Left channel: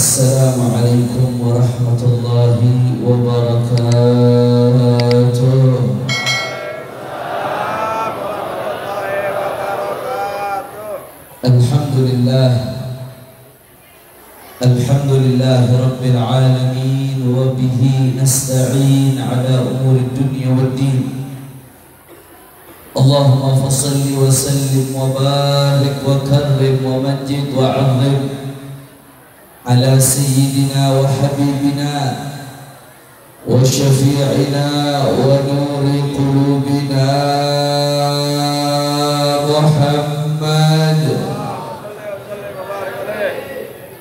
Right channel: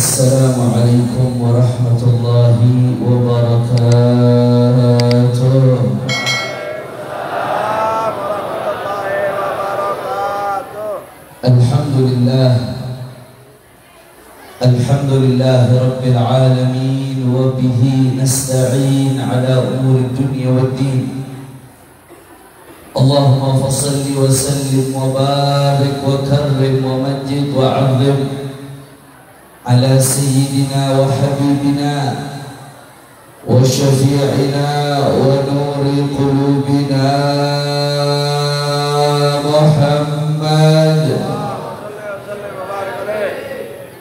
Assalamualaikum warahmatullahi wabarakatuh. Alhamdulillah, alhamdulillah rabbil alamin, wa bihi nasta'in ala umuri dunya waddin. Allahumma fassalli wa sallim wa barik wa karrim wa majid wa 'azzim ala sayyidina wa habibina wa syafi'ina wa nuri qulubina Muhammad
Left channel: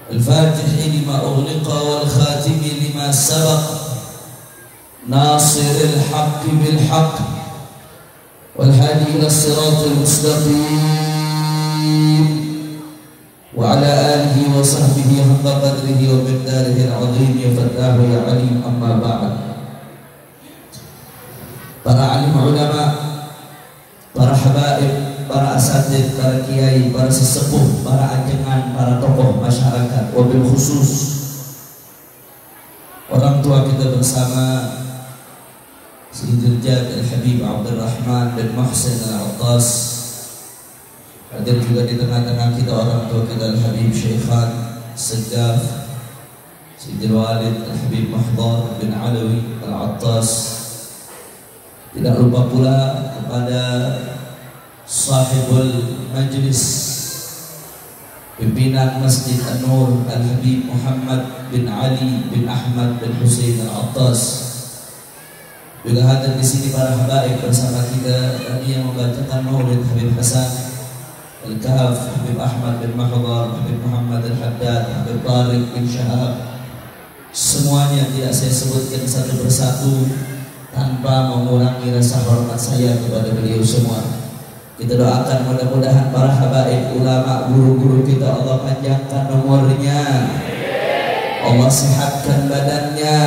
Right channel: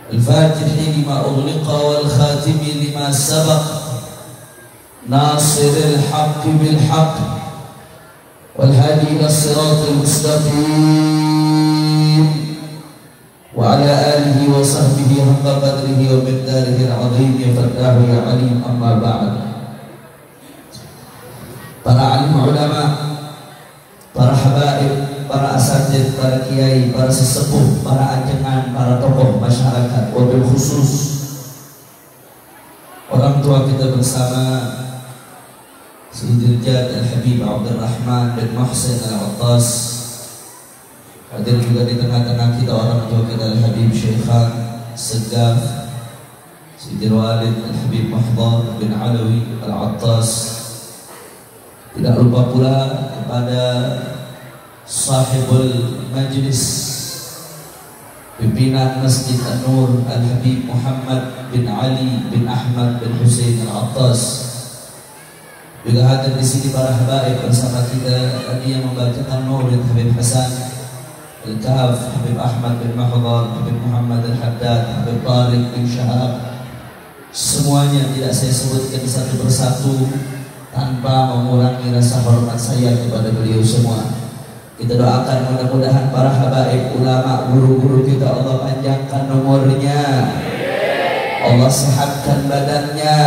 al-Fatihi lima ughliqa wal khatimi lima sabaq nasiril haqqi bil haqq wal hadi ila siratil mustaqim wa ala alihi wa sahbihi haqqa qadrihi wa miqdarihi al-azim ya fattahu ya alim, amma ba'd. Para alim ulama, para habaib, para asatidz, para kiai, para sesepuh, para ajengan, para tokoh masyarakat, wabil khusus orang tua kita bersama Sayyidil Jad Al-Habib Abdurrahman bin Muhsin Al-Attas. Hadir juga di tengah-tengah kita orang tua kita Al-Habib Syekhan Segaf Sayyidil Walid Al-Habib Mahdar bin Alawi Al-Attas. Tidak lupa pula kepada sahibul majlis pimpinan Masjid An-Nur Al-Habib Muhammad bin Ali bin Ahmad bin Husain Al-Attas. Juga hadir di sini para habaib bersama kita tadi yang membacakan Maulid Habib Hasan Al-Kahf, Habib Ahmad bin Mahdar, Habib Muhammad Al-Haddad, Habib Tariq bin Syahab. Semuanya tidak saya sebutkan satu persatu tanpa mengurangi rasa hormat saya kepada beliau semua. Kita doakan mudah-mudahan para habaib, ulama, guru-guru kita Allah panjangkan umurnya, Allah sehatkan badannya,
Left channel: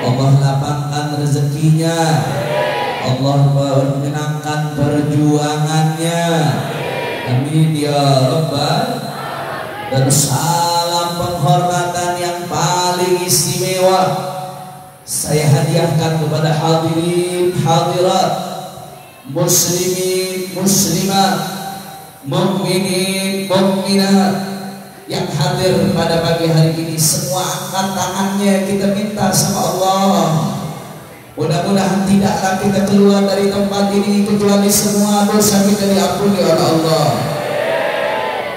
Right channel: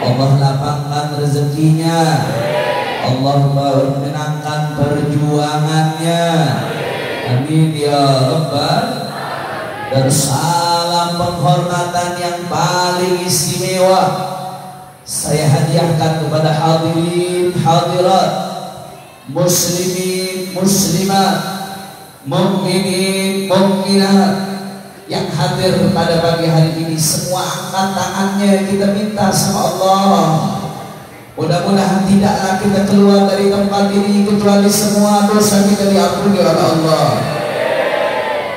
Allah lapangkan rezekinya, Allah menyenangkan perjuangannya. Amin ya Rabbal. Dan salam penghormatan yang paling istimewa saya hadiahkan kepada hadirin hadirat, muslimin muslimat, mukminin mukminat yang hadir pada pagi hari ini. Semua angkat tangannya, kita minta sama Allah, mudah-mudahan tidaklah kita keluar dari tempat ini kecuali semua dosa kita diampuni oleh Allah.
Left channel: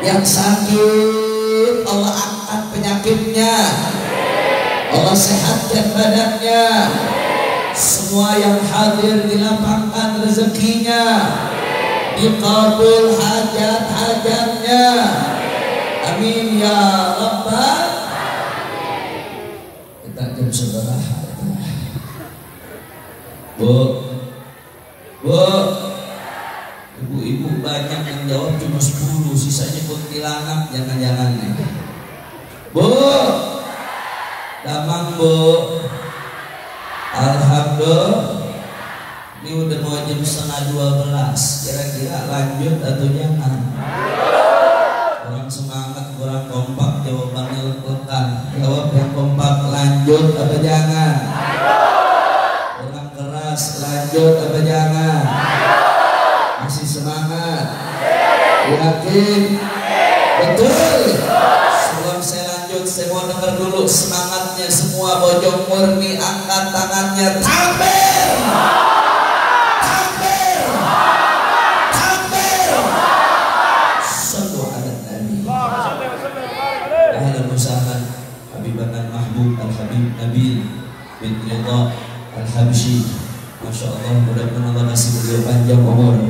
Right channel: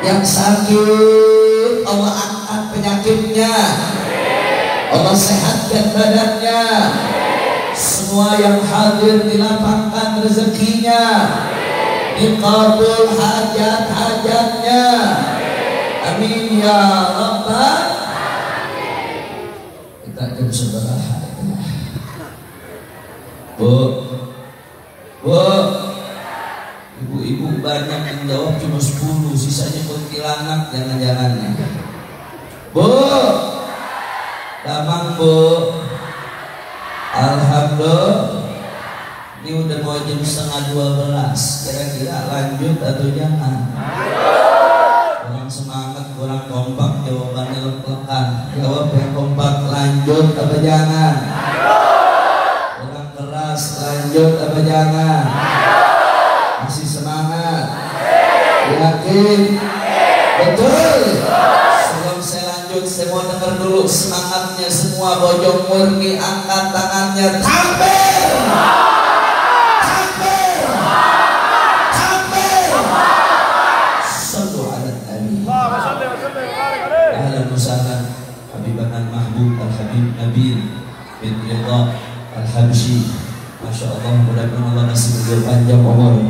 Yang sakit Allah angkat penyakitnya, Allah sehatkan badannya. Semua yang hadir dilapangkan rezekinya, diqabul hajat-hajatnya. Amin ya Rabbal. Kita akan saudara. Bu, ibu-ibu banyak yang jawab cuma 10, sisanya kuntilanak jangan-jangan. Bu, damang bu. Alhamdulillah, ini udah mau jam 11:30. Kira-kira lanjut atau jangan? Kurang semangat, kurang kompak, jawabannya lekan. Jawab yang kompak, lanjut apa jangan? Lanjut apa jangan? Masih semangat? Yakin? Betul? Sebelum saya lanjut, saya mau dengar dulu semangatnya semua. Bojong murni angkat tangannya. Takbir! Takbir! Takbir! Sallu ala Nabi. Ahlan wa sahlan Habibana Mahbub Al-Habib Nabil bin Ridha Al-Habsyi. Masya Allah, mudah-mudahan Allah masih beliau panjang umur,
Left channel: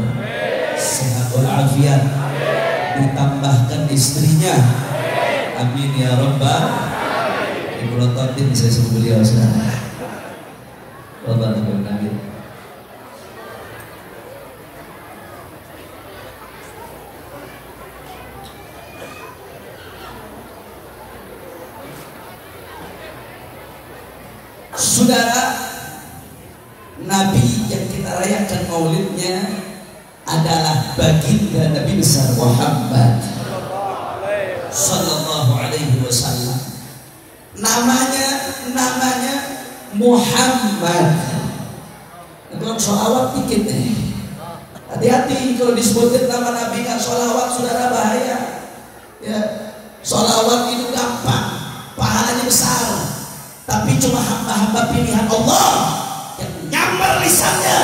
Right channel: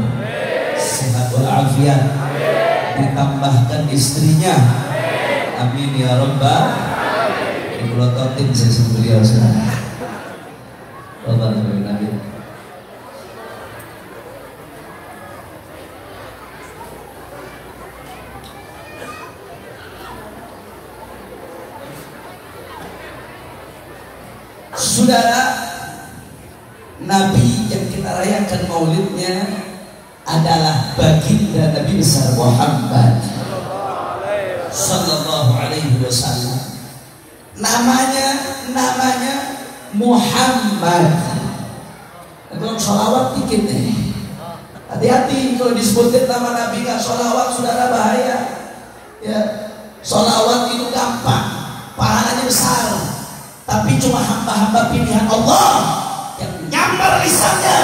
sehat walafiat, ditambahkan istrinya. Amin ya Rabbal. Ibu Tatim saya sebut beliau sekarang. Saudara, Nabi yang kita rayakan maulidnya adalah baginda Nabi besar Muhammad sallallahu alaihi wasallam. namanya Muhammad. Untuk sholawat dikit deh. Hati-hati kalau disebutin nama Nabi nggak sholawat, saudara bahaya. Ya, sholawat itu gampang, pahalanya besar. Tapi cuma hamba-hamba pilihan Allah yang nyambar lisannya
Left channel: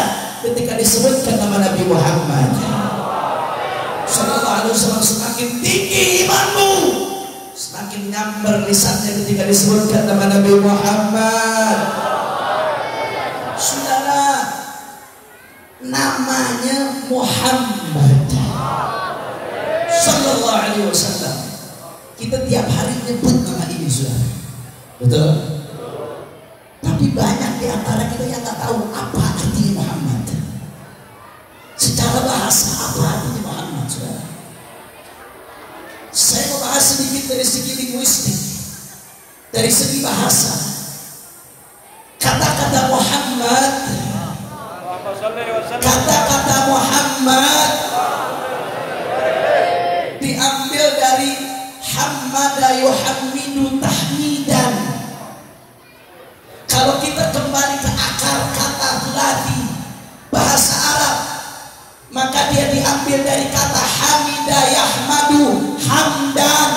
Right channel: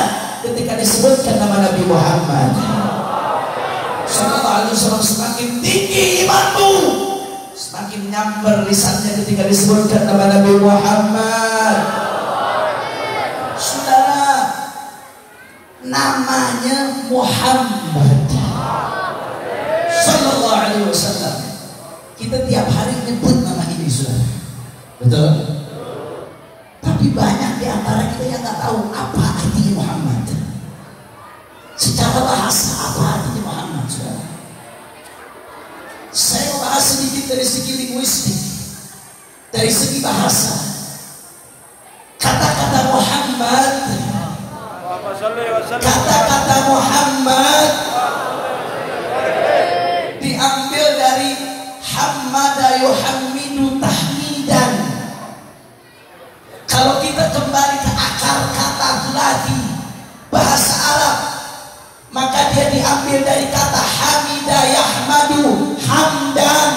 ketika disebutkan nama Nabi Muhammad. Sallallahu alaihi wasallam, semakin tinggi imanmu, semakin nyambar lisannya ketika disebutkan nama Nabi Muhammad. Saudara, namanya Muhammad Sallallahu alaihi wasallam. Kita tiap hari nyebut nama ini, saudara. Betul? Tapi banyak di antara kita yang tak tahu apa artinya Muhammad. Secara bahasa apa artinya Muhammad, saudara? Saya bahas sedikit dari segi linguistik, dari segi bahasa. Kata-kata Muhammad, kata-kata Muhammad diambil dari Hammada yuhammidu tahmidan. Kalau kita kembali ke akar kata lagi bahasa Arab, maka dia diambil dari kata hamida yahmadu hamdan,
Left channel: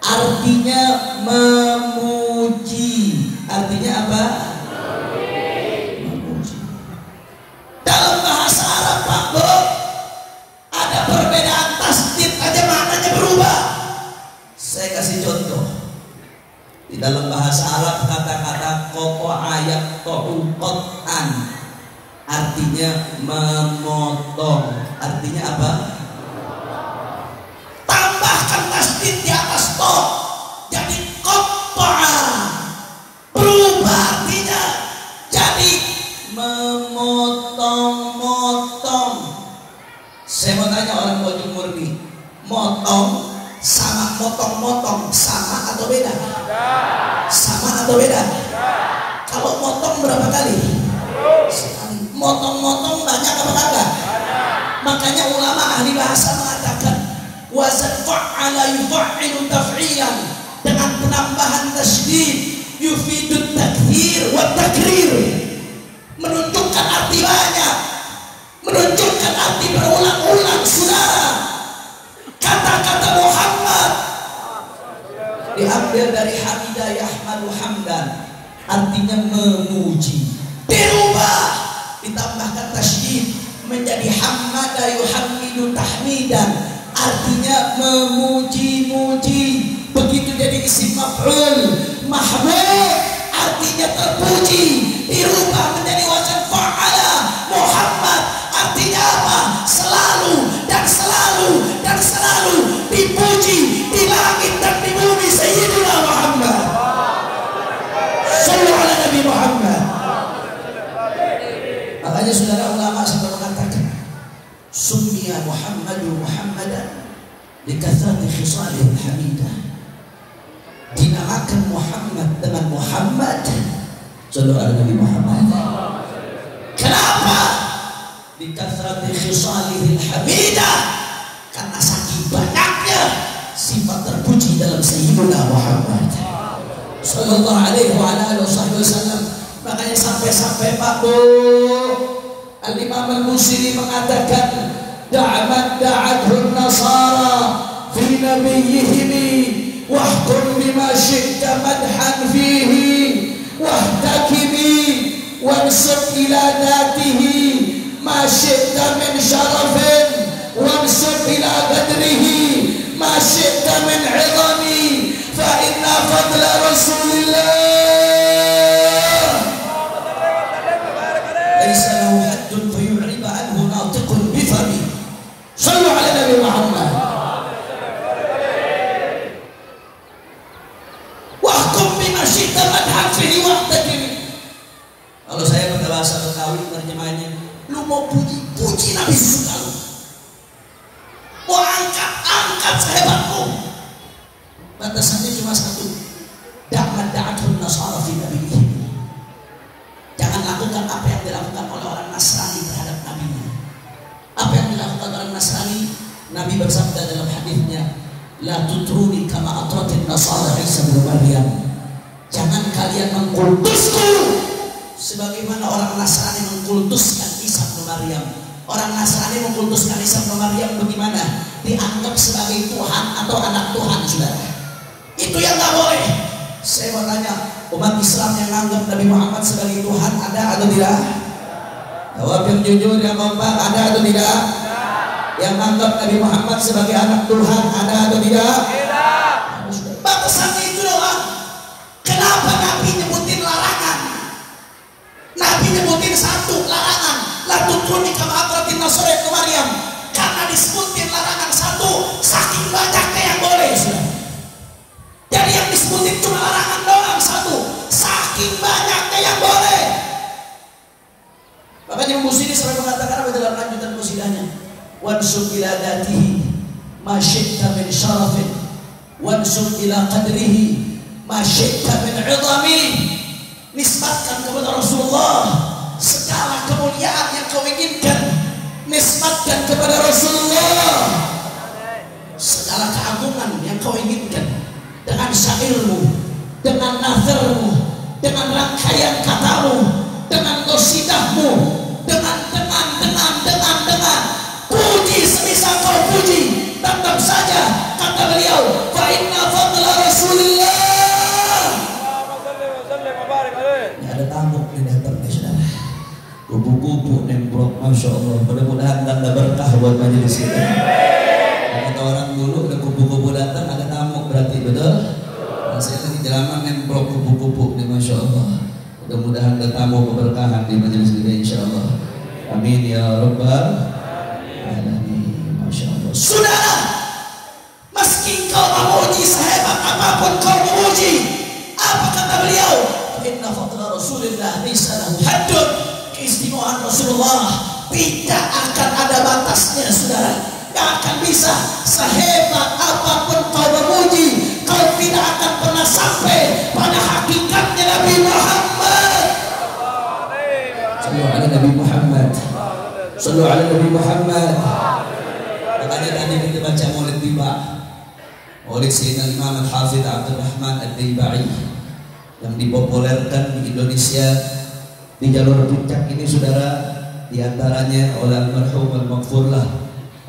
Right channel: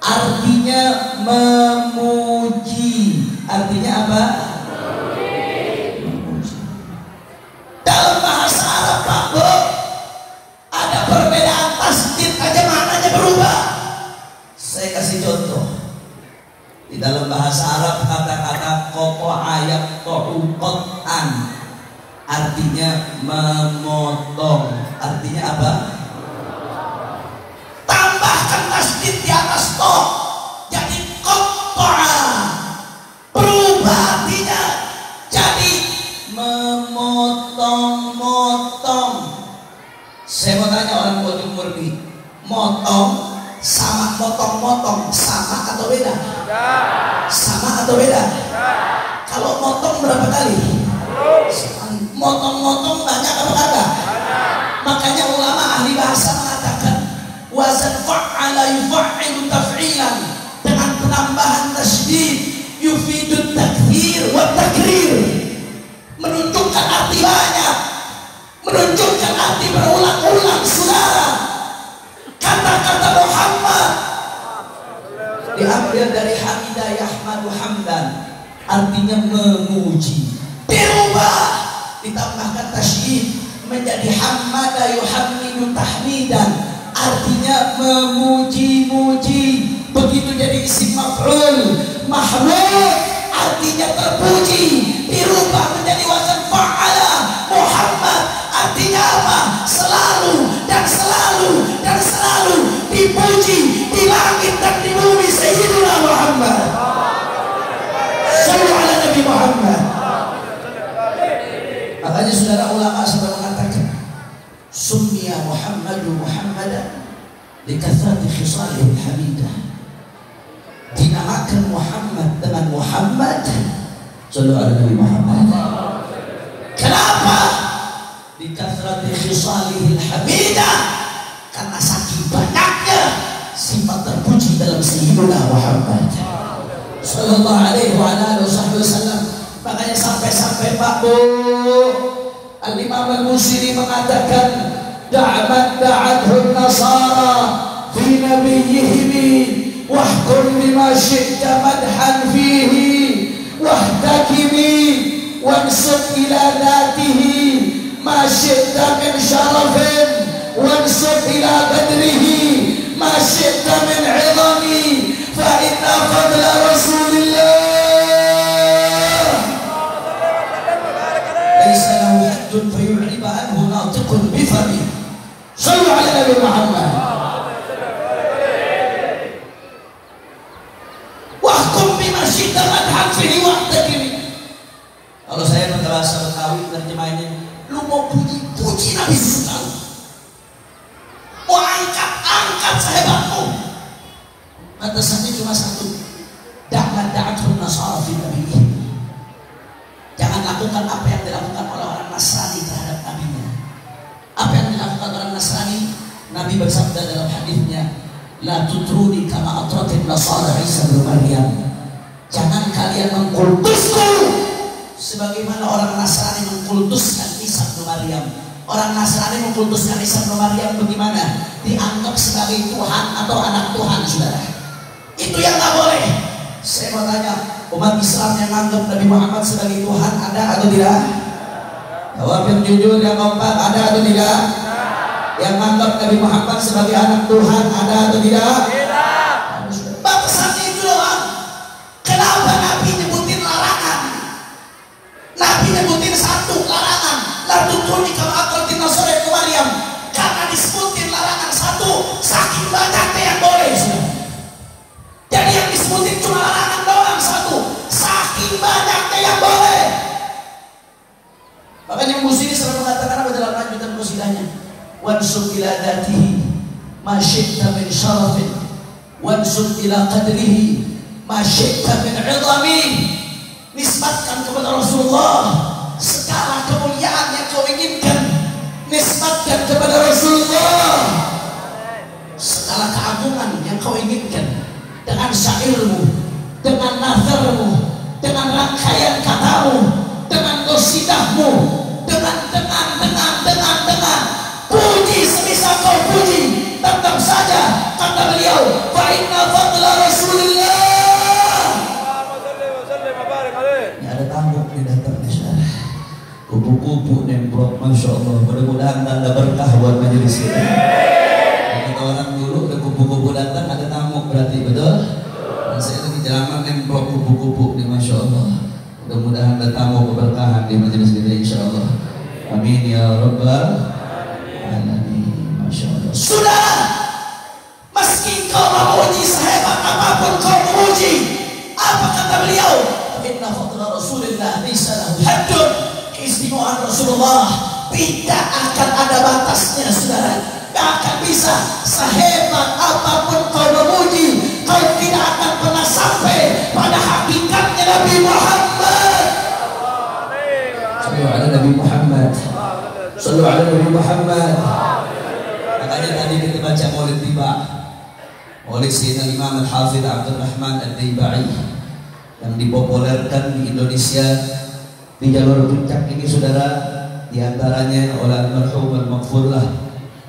artinya memuji. Artinya apa? Memuji. Dalam bahasa Arab, Pak Bo, ada perbedaan tasdid aja maknanya berubah. Saya kasih contoh. Di dalam bahasa Arab kata-kata qata'a yaqta'u qat'an artinya memotong. Artinya apa? Tambahkan tasdid di atas to, jadi qata'a. Berubah artinya jadi memotong-motong. Saya mau tanya orang Bojong Murni, motong sama motong-motong sama atau beda? Sama atau beda? Kalau motong berapa kali? Sekali. Motong-motong banyak apa enggak? Makanya ulama ahli bahasa mengatakan wazan fa'ala yuf'ilu taf'ilan, dengan penambahan tasydid yufidu takthir wa takrir, menunjukkan arti banyak, menunjukkan arti berulang-ulang. Saudara, kata-kata Muhammad diambil dari hamidah yahmadu hamdan, artinya memuji. Dirubah, ditambahkan tasydid menjadi hammada yuhammidu tahmidan, artinya memuji-muji. Begitu jadi isim maf'ul mahmud, artinya terpuji. Dirubah menjadi wazan fa'ala Muhammad, artinya apa? Selalu dan selalu dan selalu dipuji di langit dan di bumi Sayyidina Muhammad. Sallallahu alaihi Nabi Muhammad. Makanya saudara ulama sudah mengatakan summiya Muhammadu Muhammadan likathrati khisalil hamidah. Dinamakan Muhammad dengan Muhammad Sallallahu alaihi Nabi Muhammad. Kenapa? Likathrati khisalil hamidah, karena saking banyaknya sifat terpuji dalam Sayyidina Muhammad Sallallahu alaihi wasallam. Makanya sampai-sampai Pak Bu Al-Imam Al-Busiri mengatakan da'athu nasara fi nabiyyihim wahkum bima syi'ta madhan fihi wahtakimi wansub ila dhatihi ma syi'ta min syarafin wansub ila qadrihi ma syi'ta min 'idhami fa inna fadla rasulillah laisa lahu haddun fayu'riba anhu natiqun bifami. Sallu ala Nabi Muhammad. Wahkum bima syi'ta madhan fihi wahtakimi. Kalau saya berkelasa Betawi terjemahnya, lu mau puji Nabi suka, mau angkat sehebatmu, batasannya cuma satu, jangan da'athu nasara fi nabiyyihim. Jangan lakukan apa yang dilakukan oleh orang Nasrani terhadap nabinya. Apa yang dilakukan orang Nasrani, Nabi bersabda dalam hadisnya, la tutruni kama atratin nasara Isa bin Maryam. Jangan kalian mengkultusku sebagaimana orang Nasrani mengkultuskan Isa bin Maryam. Orang Nasrani mengkultuskan Isa bin Maryam bagaimana? Dianggap sebagai Tuhan atau anak Tuhan, saudara. Itu yang nggak boleh. Saya mau tanya, umat Islam yang menganggap Nabi Muhammad sebagai Tuhan ada atau tidak? Jawab yang jujur, yang kompak, ada atau tidak? Yang menganggap Nabi Muhammad sebagai anak Tuhan ada atau tidak? Tidak. Batasannya itu doang. Kenapa Nabi nyebutin larangan? Nabi nyebutin satu larangan. La tutuni kama aqratin nasara ke Maryam. Karena disebutin larangan satu, saking banyaknya yang boleh. Jadi yang disebutin cuma larangan doang satu, saking banyaknya yang boleh. Makanya Muslim selalu mengatakan apa dalam lanjutan qasidahnya? Wansub ila dzatihi ma syi'ta min syarafin wansub ila qadrihi ma syi'ta min 'idhami. Nisbatkan kepada Rasulullah segala kemuliaan yang kau inginkan. Nisbatkan kepada Rasulullah segala keagungan yang kau inginkan. Dengan syairmu, dengan nazarmu, dengan rangkaian katamu, dengan qasidahmu, dengan puji sebisa kau puji. Tetap saja kata beliau, fa inna fadla Rasulullah. Ya, ada tamu di datangnya, saudara. Kupu-kupu nembrok, masya Allah. Mudah-mudahan tanda berkah buat majelis kita. Kata orang dulu ada kupu-kupu datang, ada tamu, berarti betul. Dan saya lagi jalan nembrok kupu-kupu nih, masya Allah. Mudah-mudahan ada tamu keberkahan di majelis kita, insya Allah. Amin ya rabbal alamin. Masya Allah. Sudah, meski kau memuji sehebat apapun kau memuji, apa kata beliau? Inna fadla Rasulillah lisanah haddun. Keistimewaan Rasulullah tidak akan ada batasnya, saudara. Tidak akan bisa. Sehebat apapun kau memuji, kau tidak akan pernah sampai pada hakikatnya Nabi Muhammad. Sallu ala Nabi Muhammad. Sallu ala Nabi Muhammad. Makanya tadi kita baca Maulid Tiba, Maulid Sayyidina Imam Al-Hafidh Abdul Rahman Ad-Daibai, yang dipopulerkan di Indonesia di jalur puncak ini, saudara, diantaranya oleh almarhum al-maghfurlah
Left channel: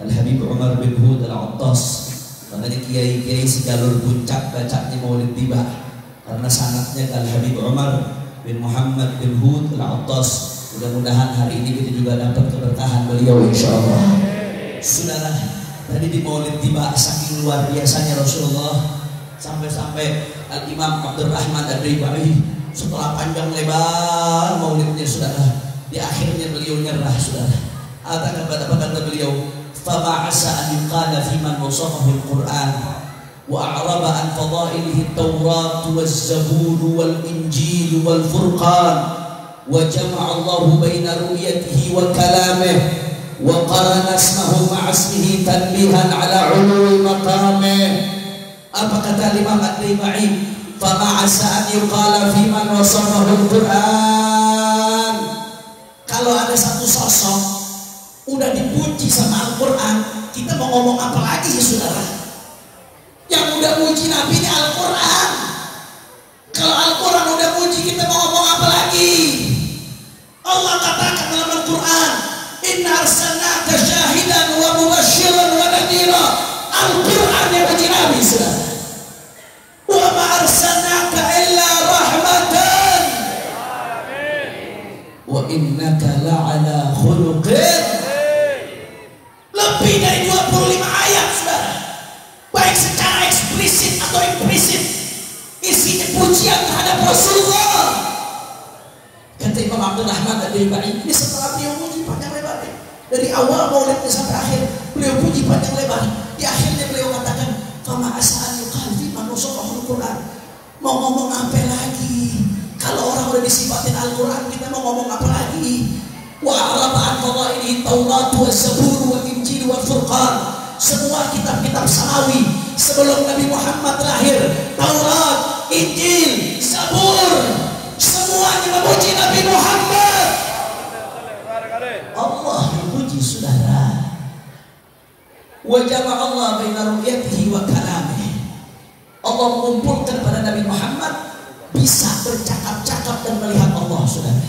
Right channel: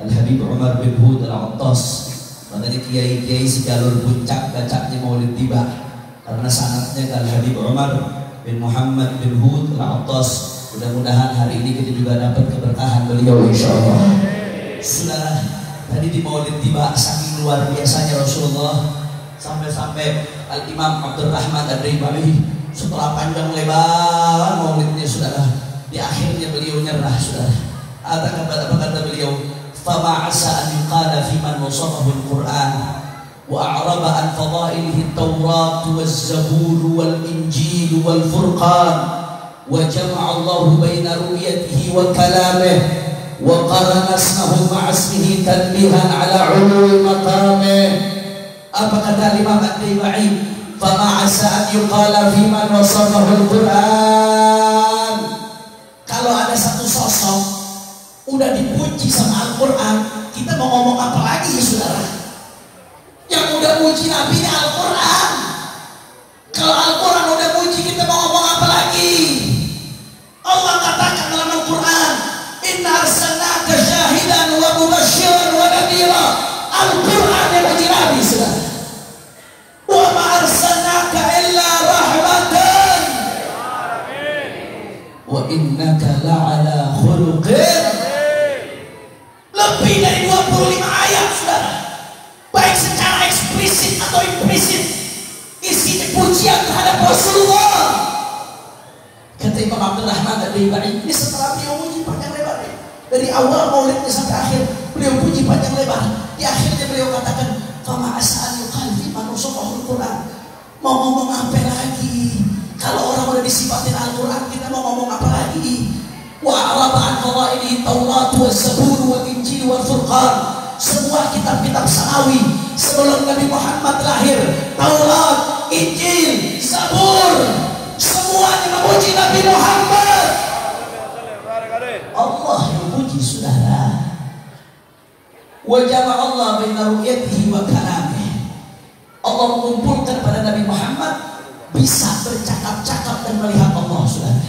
Al-Habib Umar bin Hud Al-Attas. Makanya kiai-kiai sejalur puncak bacanya Maulid Tiba karena sanadnya ke Al-Habib Umar bin Muhammad bin Hud Al-Attas. Mudah-mudahan hari ini kita juga dapat keberkahan beliau, insyaallah. Saudara, tadi di Maulid Tiba saking luar biasanya Rasulullah, sampai-sampai Al-Imam Abdul Rahman Ad-Daibai setelah panjang lebar maulidnya, saudara, di akhirnya beliau nyerah, saudara. Apa kata beliau? Fama asa an yuqala fi man wasafahu al-Qur'an wa a'raba an fadailihi at-Taurat waz-Zabur wal-Injil wal-Furqan wa jama'a Allah baina ru'yatihi wa kalamihi wa qarana ismahu ma'a ismihi tanbihan ala 'uluwi maqamih. Apa kata Imam Ad-Daibai? Fama asa an yuqala fi man wasafahu al-Qur'an. Kalau ada satu sosok udah dipuji sama Al-Quran, kita mau ngomong apa lagi, saudara? Yang udah puji Nabi-nya Al-Quran. Kalau Al-Quran udah puji, kita mau ngomong apa lagi? Allah katakan dalam Al-Quran, inna arsalnaka syahidan wa mubasysyiran wa nadhira. Al-Quran yang puji Nabi, saudara. Wa ma arsalnaka illa rahmatan wa innaka la'ala khuluqin. Lebih dari 25 ayat, saudara, baik secara eksplisit atau implisit, isinya pujian terhadap Rasulullah. Kata Imam Abdul Rahman Ad-Daibai, ini setelah beliau puji panjang lebar, dari awal maulidnya sampai akhir beliau puji panjang lebar. Di akhirnya beliau katakan, fama as'al yuqalbi manusofah Al-Quran. Mau ngomong apa lagi? Kalau orang udah disifatin Al-Quran, kita mau ngomong apa lagi? Wa araba'an fadailihi Taurat waz-Zabur wal-Injil wal-Furqan. Semua kitab-kitab samawi sebelum Nabi Muhammad lahir, Taurat, Injil, Zabur, semuanya memuji Nabi Muhammad. Allah memuji, saudara. Wa jama'a Allah baina ru'yatihi wa kalamihi. Allah mengumpulkan pada Nabi Muhammad bisa bercakap-cakap dan melihat Allah, saudara.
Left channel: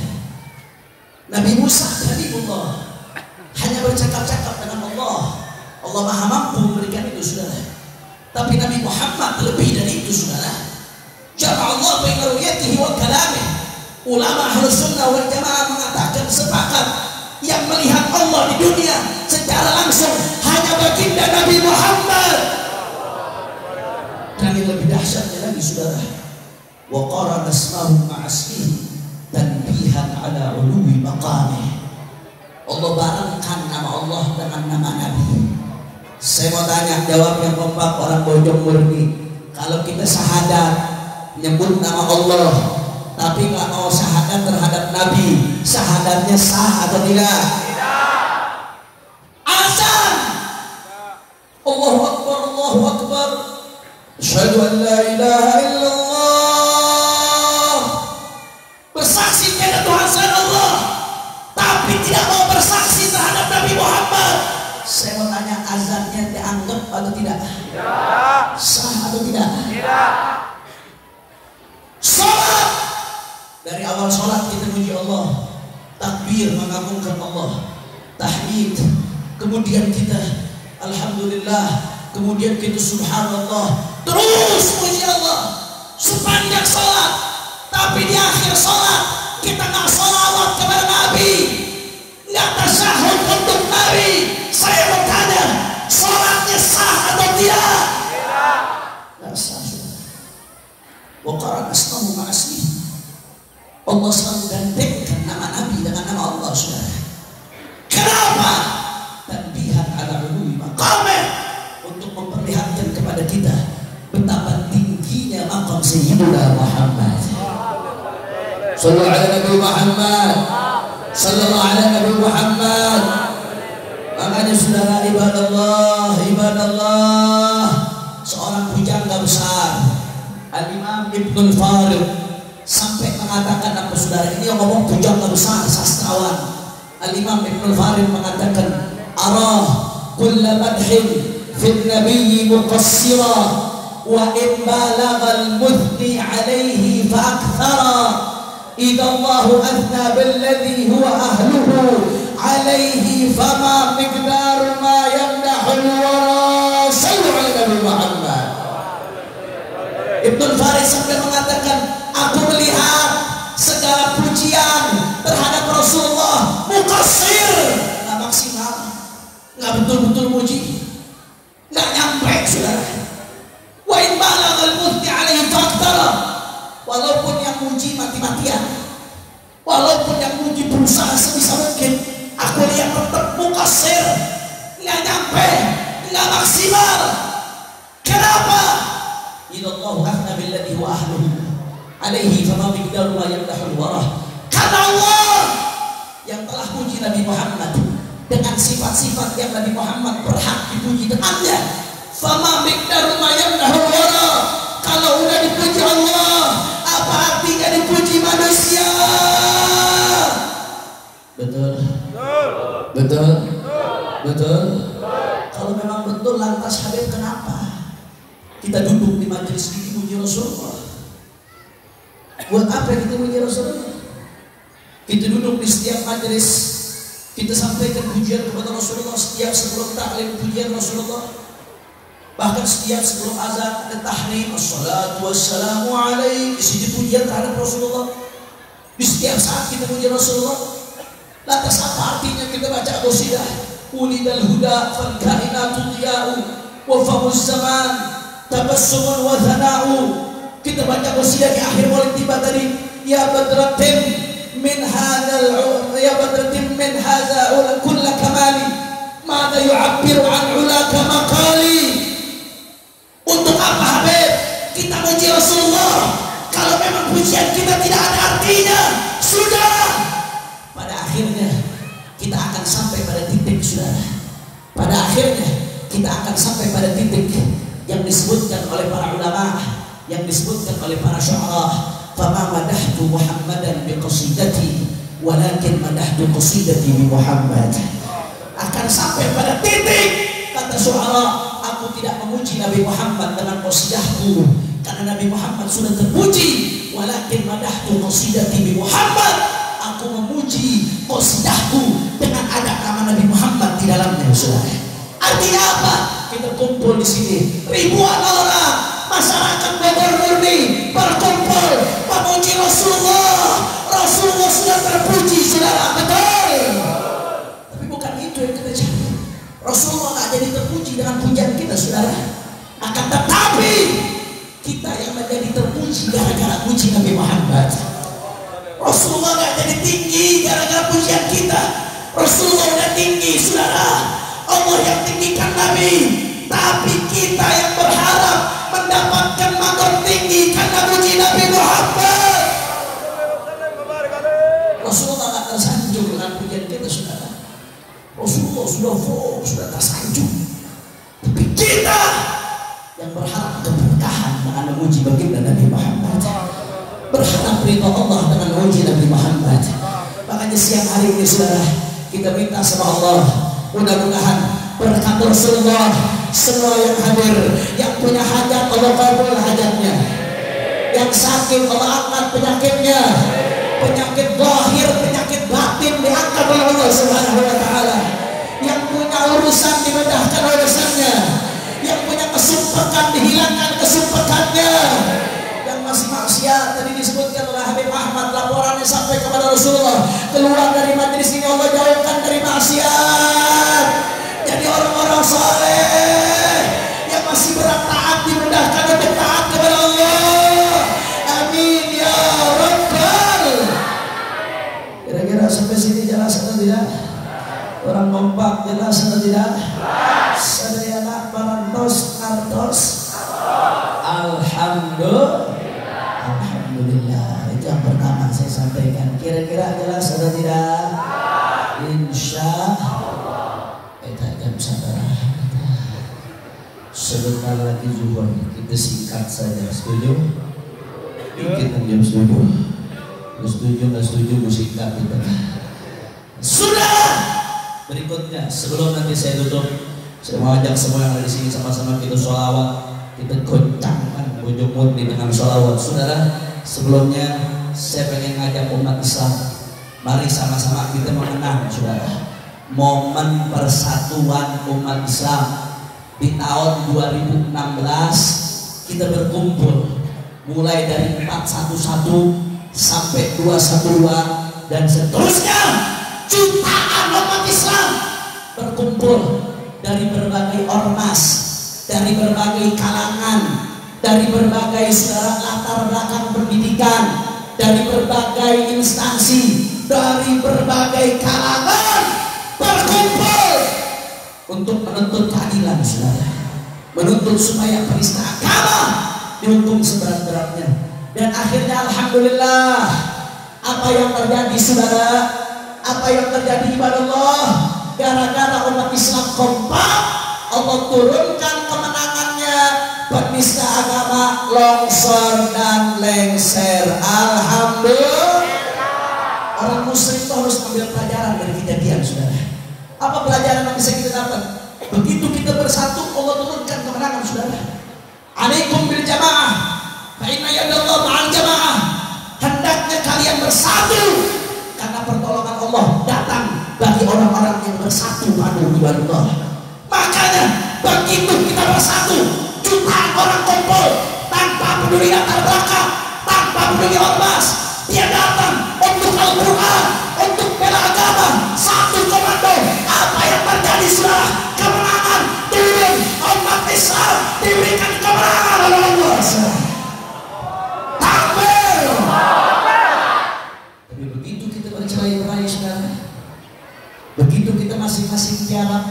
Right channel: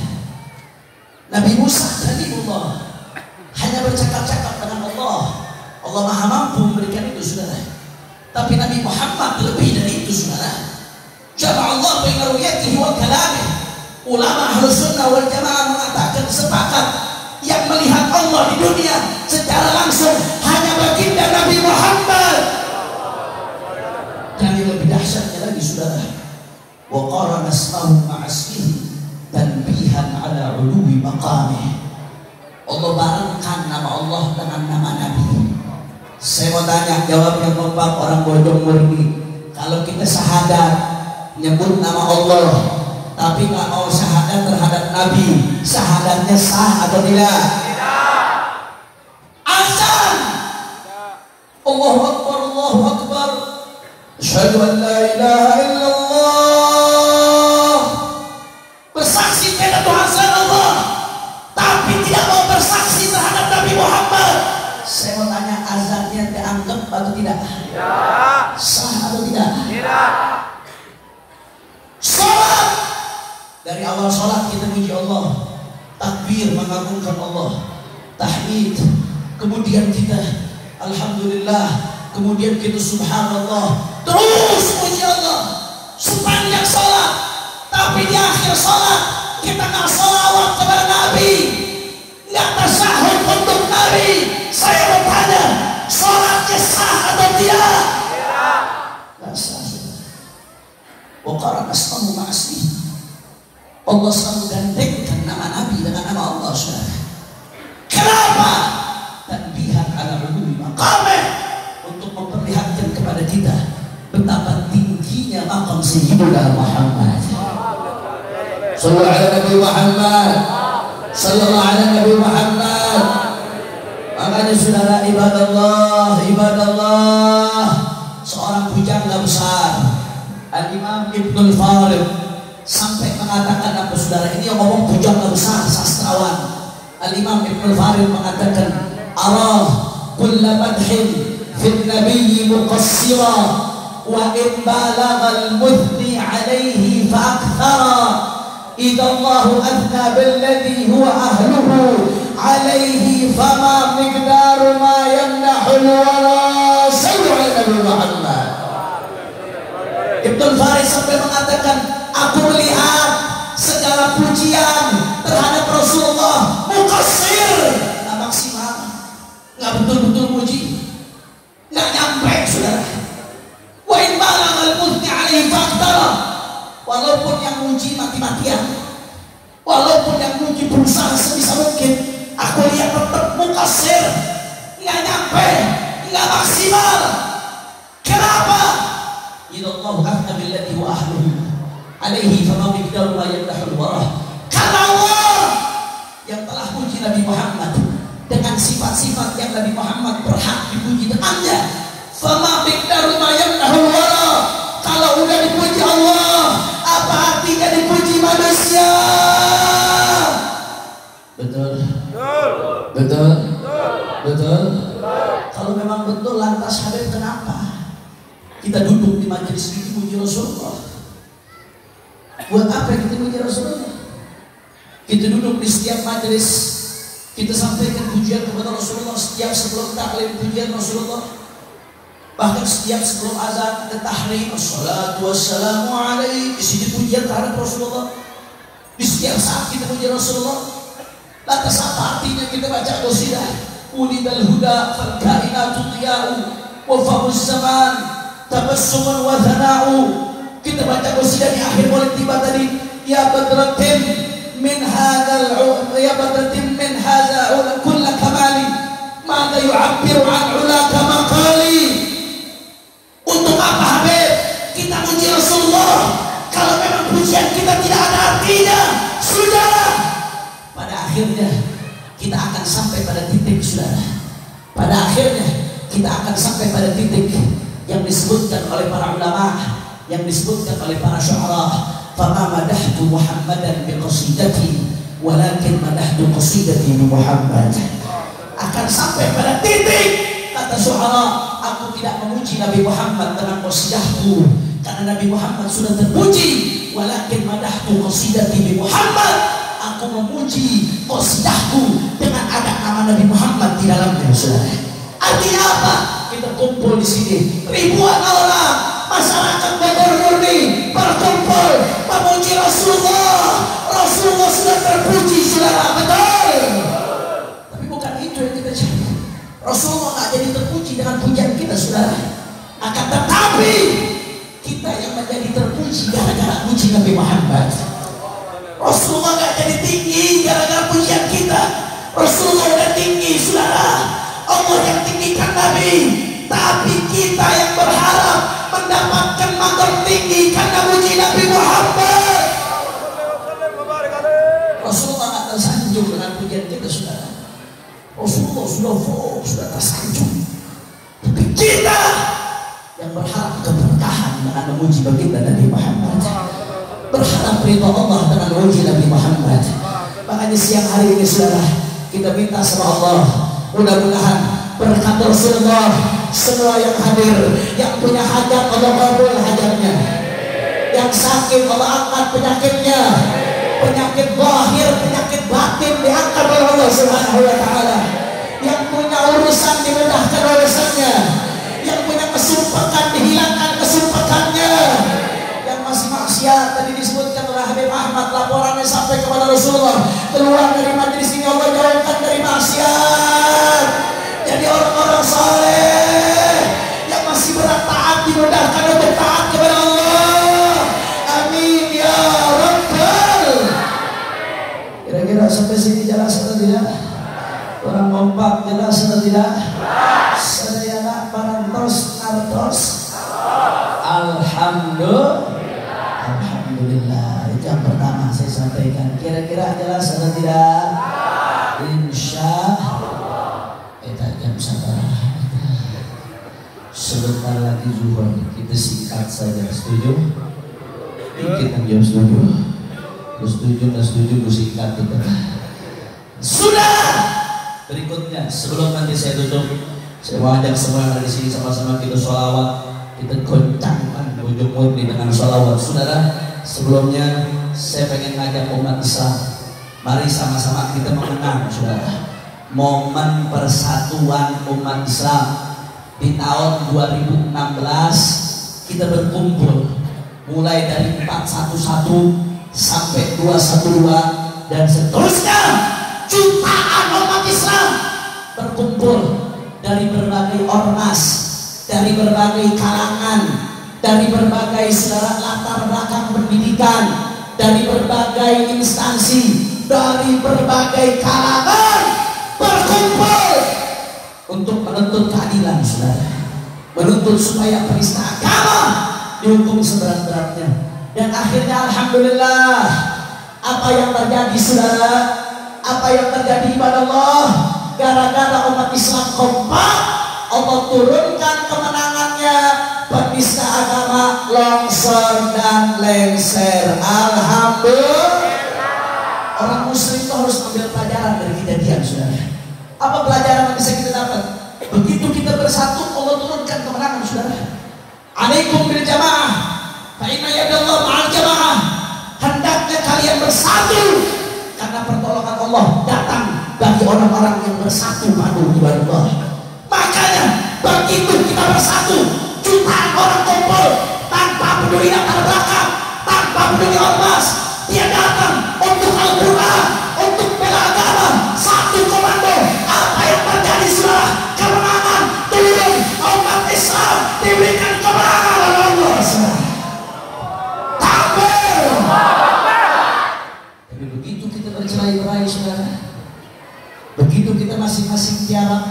Nabi Musa kalimullah hanya bercakap-cakap dengan Allah. Allah Maha mampu memberikan itu, saudara. Tapi Nabi Muhammad lebih dari itu, saudara. Jama'allah baina ru'yatihi wa kalamihi. Ulama Ahlus Sunnah wal Jamaah mengatakan sepakat yang melihat Allah di dunia secara langsung hanya baginda Nabi Muhammad. Dan yang lebih dahsyatnya lagi, saudara, wa qarana asmahu ma'asmihi tanbihan ala uluwi maqamih. Allah barengkan nama Allah dengan nama Nabi. Saya mau tanya, jawab yang kompak orang bodoh murni. Kalau kita syahadat nyebut nama Allah, tapi nggak mau syahadat terhadap Nabi, syahadatnya sah atau tidak? Tidak. Azan. Allahu Akbar, Allahu Akbar. Asyhadu an la ilaha illallah. Bersaksi kepada Tuhan selain Allah, tapi tidak mau bersaksi terhadap Nabi Muhammad. Saya mau tanya, azannya dianggap atau tidak? Tidak. Sah atau tidak? Tidak. Salat. Dari awal salat kita puji Allah, takbir mengagungkan Allah, tahmid, kemudian kita alhamdulillah, kemudian kita subhanallah, terus puji Allah sepanjang salat. Tapi di akhir salat kita nggak salawat kepada Nabi, nggak tasyahud untuk Nabi. Saya mau tanya, salatnya sah atau tidak? Tidak. Nggak sah. Wa qarana asmahu ma'asmihi. Allah selalu gandengkan nama Nabi dengan nama Allah, saudara. Kenapa? Tanbihan ala ulumi maqamih, untuk memperlihatkan kepada kita betapa tingginya maqam Sayyidina Muhammad. Sallallahu ala Nabi Muhammad. Sallallahu ala Nabi Muhammad. Makanya saudara, ibadallah, seorang pujangga besar, Al-Imam Ibnul Farid, sampai mengatakan apa, saudara, ini yang ngomong pujangga besar, sastrawan. Al-Imam Ibnul Farid mengatakan, arah kulla madhin fil nabiyyi muqassira wa in balagha al-muthni alayhi fa akthara idza Allahu athna billadhi huwa ahluhu alayhi fama miqdaru ma yamnahu al-wara sayyidina Nabi Muhammad. Ibnul Farid sampai mengatakan, aku melihat segala pujian terhadap Rasulullah muqassir, nggak maksimal, nggak betul-betul muji, nggak nyampe, saudara. Wa in balagha al-muthni alaihi faqtara, walaupun yang muji mati-matian, walaupun yang muji berusaha sebisa mungkin, aku lihat tetap muqassir, nggak nyampe, nggak maksimal. Kenapa? Illallahu ahna billadhi wa ahluhu alaihi fama miqdaru ma yamdahul warah. Karena Allah yang telah puji Nabi Muhammad dengan sifat-sifat yang Nabi Muhammad berhak dipuji dengannya. Fama miqdaru ma yamdahul warah. Kalau udah dipuji Allah, apa artinya dipuji manusia? Betul. Betul. Betul. Kalau memang betul, lantas hadir kenapa kita duduk di majelis ini puji Rasulullah? Buat apa kita puji Rasulullah? Kita duduk di setiap majelis, kita sampaikan pujian kepada Rasulullah. Setiap sebelum taklim pujian Rasulullah, bahkan setiap sebelum azan ada tahlim, assalatu wassalamu alaihi, di sini pujian terhadap Rasulullah. Di setiap saat kita puji Rasulullah. Lantas apa artinya kita baca qasidah ulidal huda fal kainatu diya'u wa fawz zaman tabassuman wa thana'u. Kita baca qasidah di akhir maulid tiba tadi, ya badratin min hadzal ya badratin min hadzal kull kamali maka yu'abbiru an ulaka maqali. Untuk apa Habib kita muji Rasulullah kalau memang pujian kita tidak ada artinya? Sudah, pada akhirnya kita akan sampai pada titik, saudara. Pada akhirnya kita akan sampai pada titik yang disebutkan oleh para ulama, yang disebutkan oleh para syu'ara, fama madahtu Muhammadan biqasidati walakin madahtu qasidati bi Muhammad. Akan sampai pada titik, kata syu'ara, aku tidak memuji Nabi Muhammad dengan qasidahku, karena Nabi Muhammad sudah terpuji. walakin madahtu qasidati bi Muhammad. Aku memuji qasidahku dengan ada nama Nabi Muhammad di dalamnya, saudara. Artinya apa? Kita kumpul di sini ribuan orang masyarakat Bogor murni berkumpul memuji Rasulullah. Rasulullah sudah terpuji, saudara, betul. Tapi bukan itu yang kita cari. Rasulullah nggak jadi terpuji dengan pujian kita, saudara. Akan tetapi kita yang menjadi terpuji gara-gara puji Nabi Muhammad. Rasulullah nggak jadi tinggi gara-gara pujian kita. Rasulullah udah tinggi, saudara. Allah yang tinggikan Nabi, tapi kita yang berharap mendapatkan maqam tinggi karena puji Nabi Muhammad. Rasulullah nggak tersanjung dengan pujian kita, saudara. Rasulullah sudah tersanjung, tapi kita yang berharap keberkahan dengan memuji baginda Nabi Muhammad, berharap ridha Allah dengan memuji Nabi Muhammad. Makanya siang hari ini, saudara, kita minta sama Allah, mudah-mudahan berkat Rasulullah semua yang hadir, yang punya hajat Allah kabul hajatnya, yang sakit Allah angkat penyakitnya, penyakit zahir, penyakit batin diangkat oleh Allah Subhanahu wa taala, yang punya urusan dimudahkan urusannya, yang punya kesumpahan dihilangkan kesumpahannya, yang masih maksiat tadi disebutkan oleh Habib Ahmad laporannya sampai kepada Rasulullah, keluar dari majelis ini Allah jauhkan dari maksiat, jadi orang-orang saleh yang masih berat taat dimudahkan untuk taat kepada Allah. Amin ya Rabbal. Kira-kira sampai sini jelas atau tidak? Kurang kompak jelas atau tidak? Sedaya parantos nartos. Alhamdulillah. Itu yang pertama saya sampaikan. Kira-kira jelas atau tidak? Insya Allah. Kita jam sabar. Sebentar lagi zuhur, kita singkat saja. Setuju? Kita jam setuju. Setuju, tak setuju, singkat kita. Sudah. Berikutnya, sebelum nanti saya tutup, saya mau ajak semua yang di sini sama-sama kita sholawat, kita goncangkan ujung murni dengan sholawat. Saudara, sebelumnya saya pengen ngajak umat Islam, mari sama-sama kita mengenang, saudara, momen persatuan umat Islam di tahun 2016. Kita berkumpul mulai dari 411 sampai 212 dan seterusnya. Jutaan umat Islam berkumpul dari berbagai ormas, dari berbagai kalangan, dari berbagai latar belakang pendidikan, dari berbagai instansi, dari berbagai kalangan berkumpul untuk menuntut keadilan, saudara, menuntut supaya penista agama dihukum seberat-beratnya. Dan akhirnya alhamdulillah, apa yang terjadi, saudara, apa yang terjadi kepada Allah, gara-gara umat Islam kompak, Allah turunkan kemenangannya, penista agama longsor dan lengser. Alhamdulillah. Orang muslim itu harus ambil pelajaran dari kejadian, saudara. Apa pelajaran yang bisa kita dapat? Begitu kita bersatu, Allah turunkan kemenangan, saudara. Alaikum bil jamaah, fa inna yadallah ma'al jamaah. Hendaknya kalian bersatu, karena pertolongan Allah datang bagi orang-orang yang bersatu padu di Allah. Makanya begitu kita bersatu, jutaan orang kumpul tanpa peduli latar belakang, tanpa peduli ormas, dia datang untuk Al-Quran, untuk bela agama, satu komando. Apa yang terjadi, saudara? Kemenangan turun, umat Islam diberikan kemenangan oleh Allah. Takbir. Tapi begitu kita bercerai-berai, saudara, begitu kita masing-masing tiarap,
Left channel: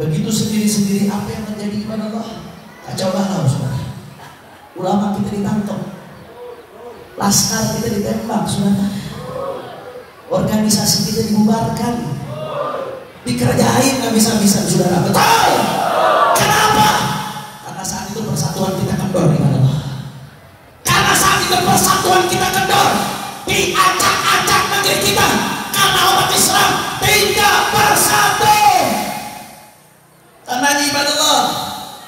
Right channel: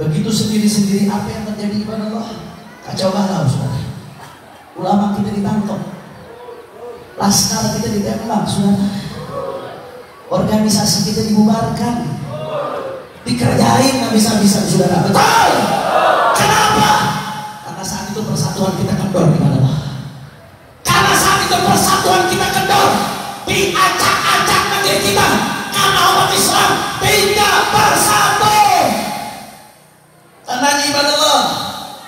begitu sendiri-sendiri, apa yang terjadi kepada Allah? Kacau balau, saudara. Ulama kita ditangkap, laskar kita ditembak, saudara. Organisasi kita dibubarkan, dikerjain nggak bisa-bisa, saudara. Betul. Kenapa? Karena saat itu persatuan kita kendor kepada Allah. Karena saat itu persatuan kita kendor, diacak-acak negeri kita. Karena umat Islam tidak bersatu. Karena ibadah Allah,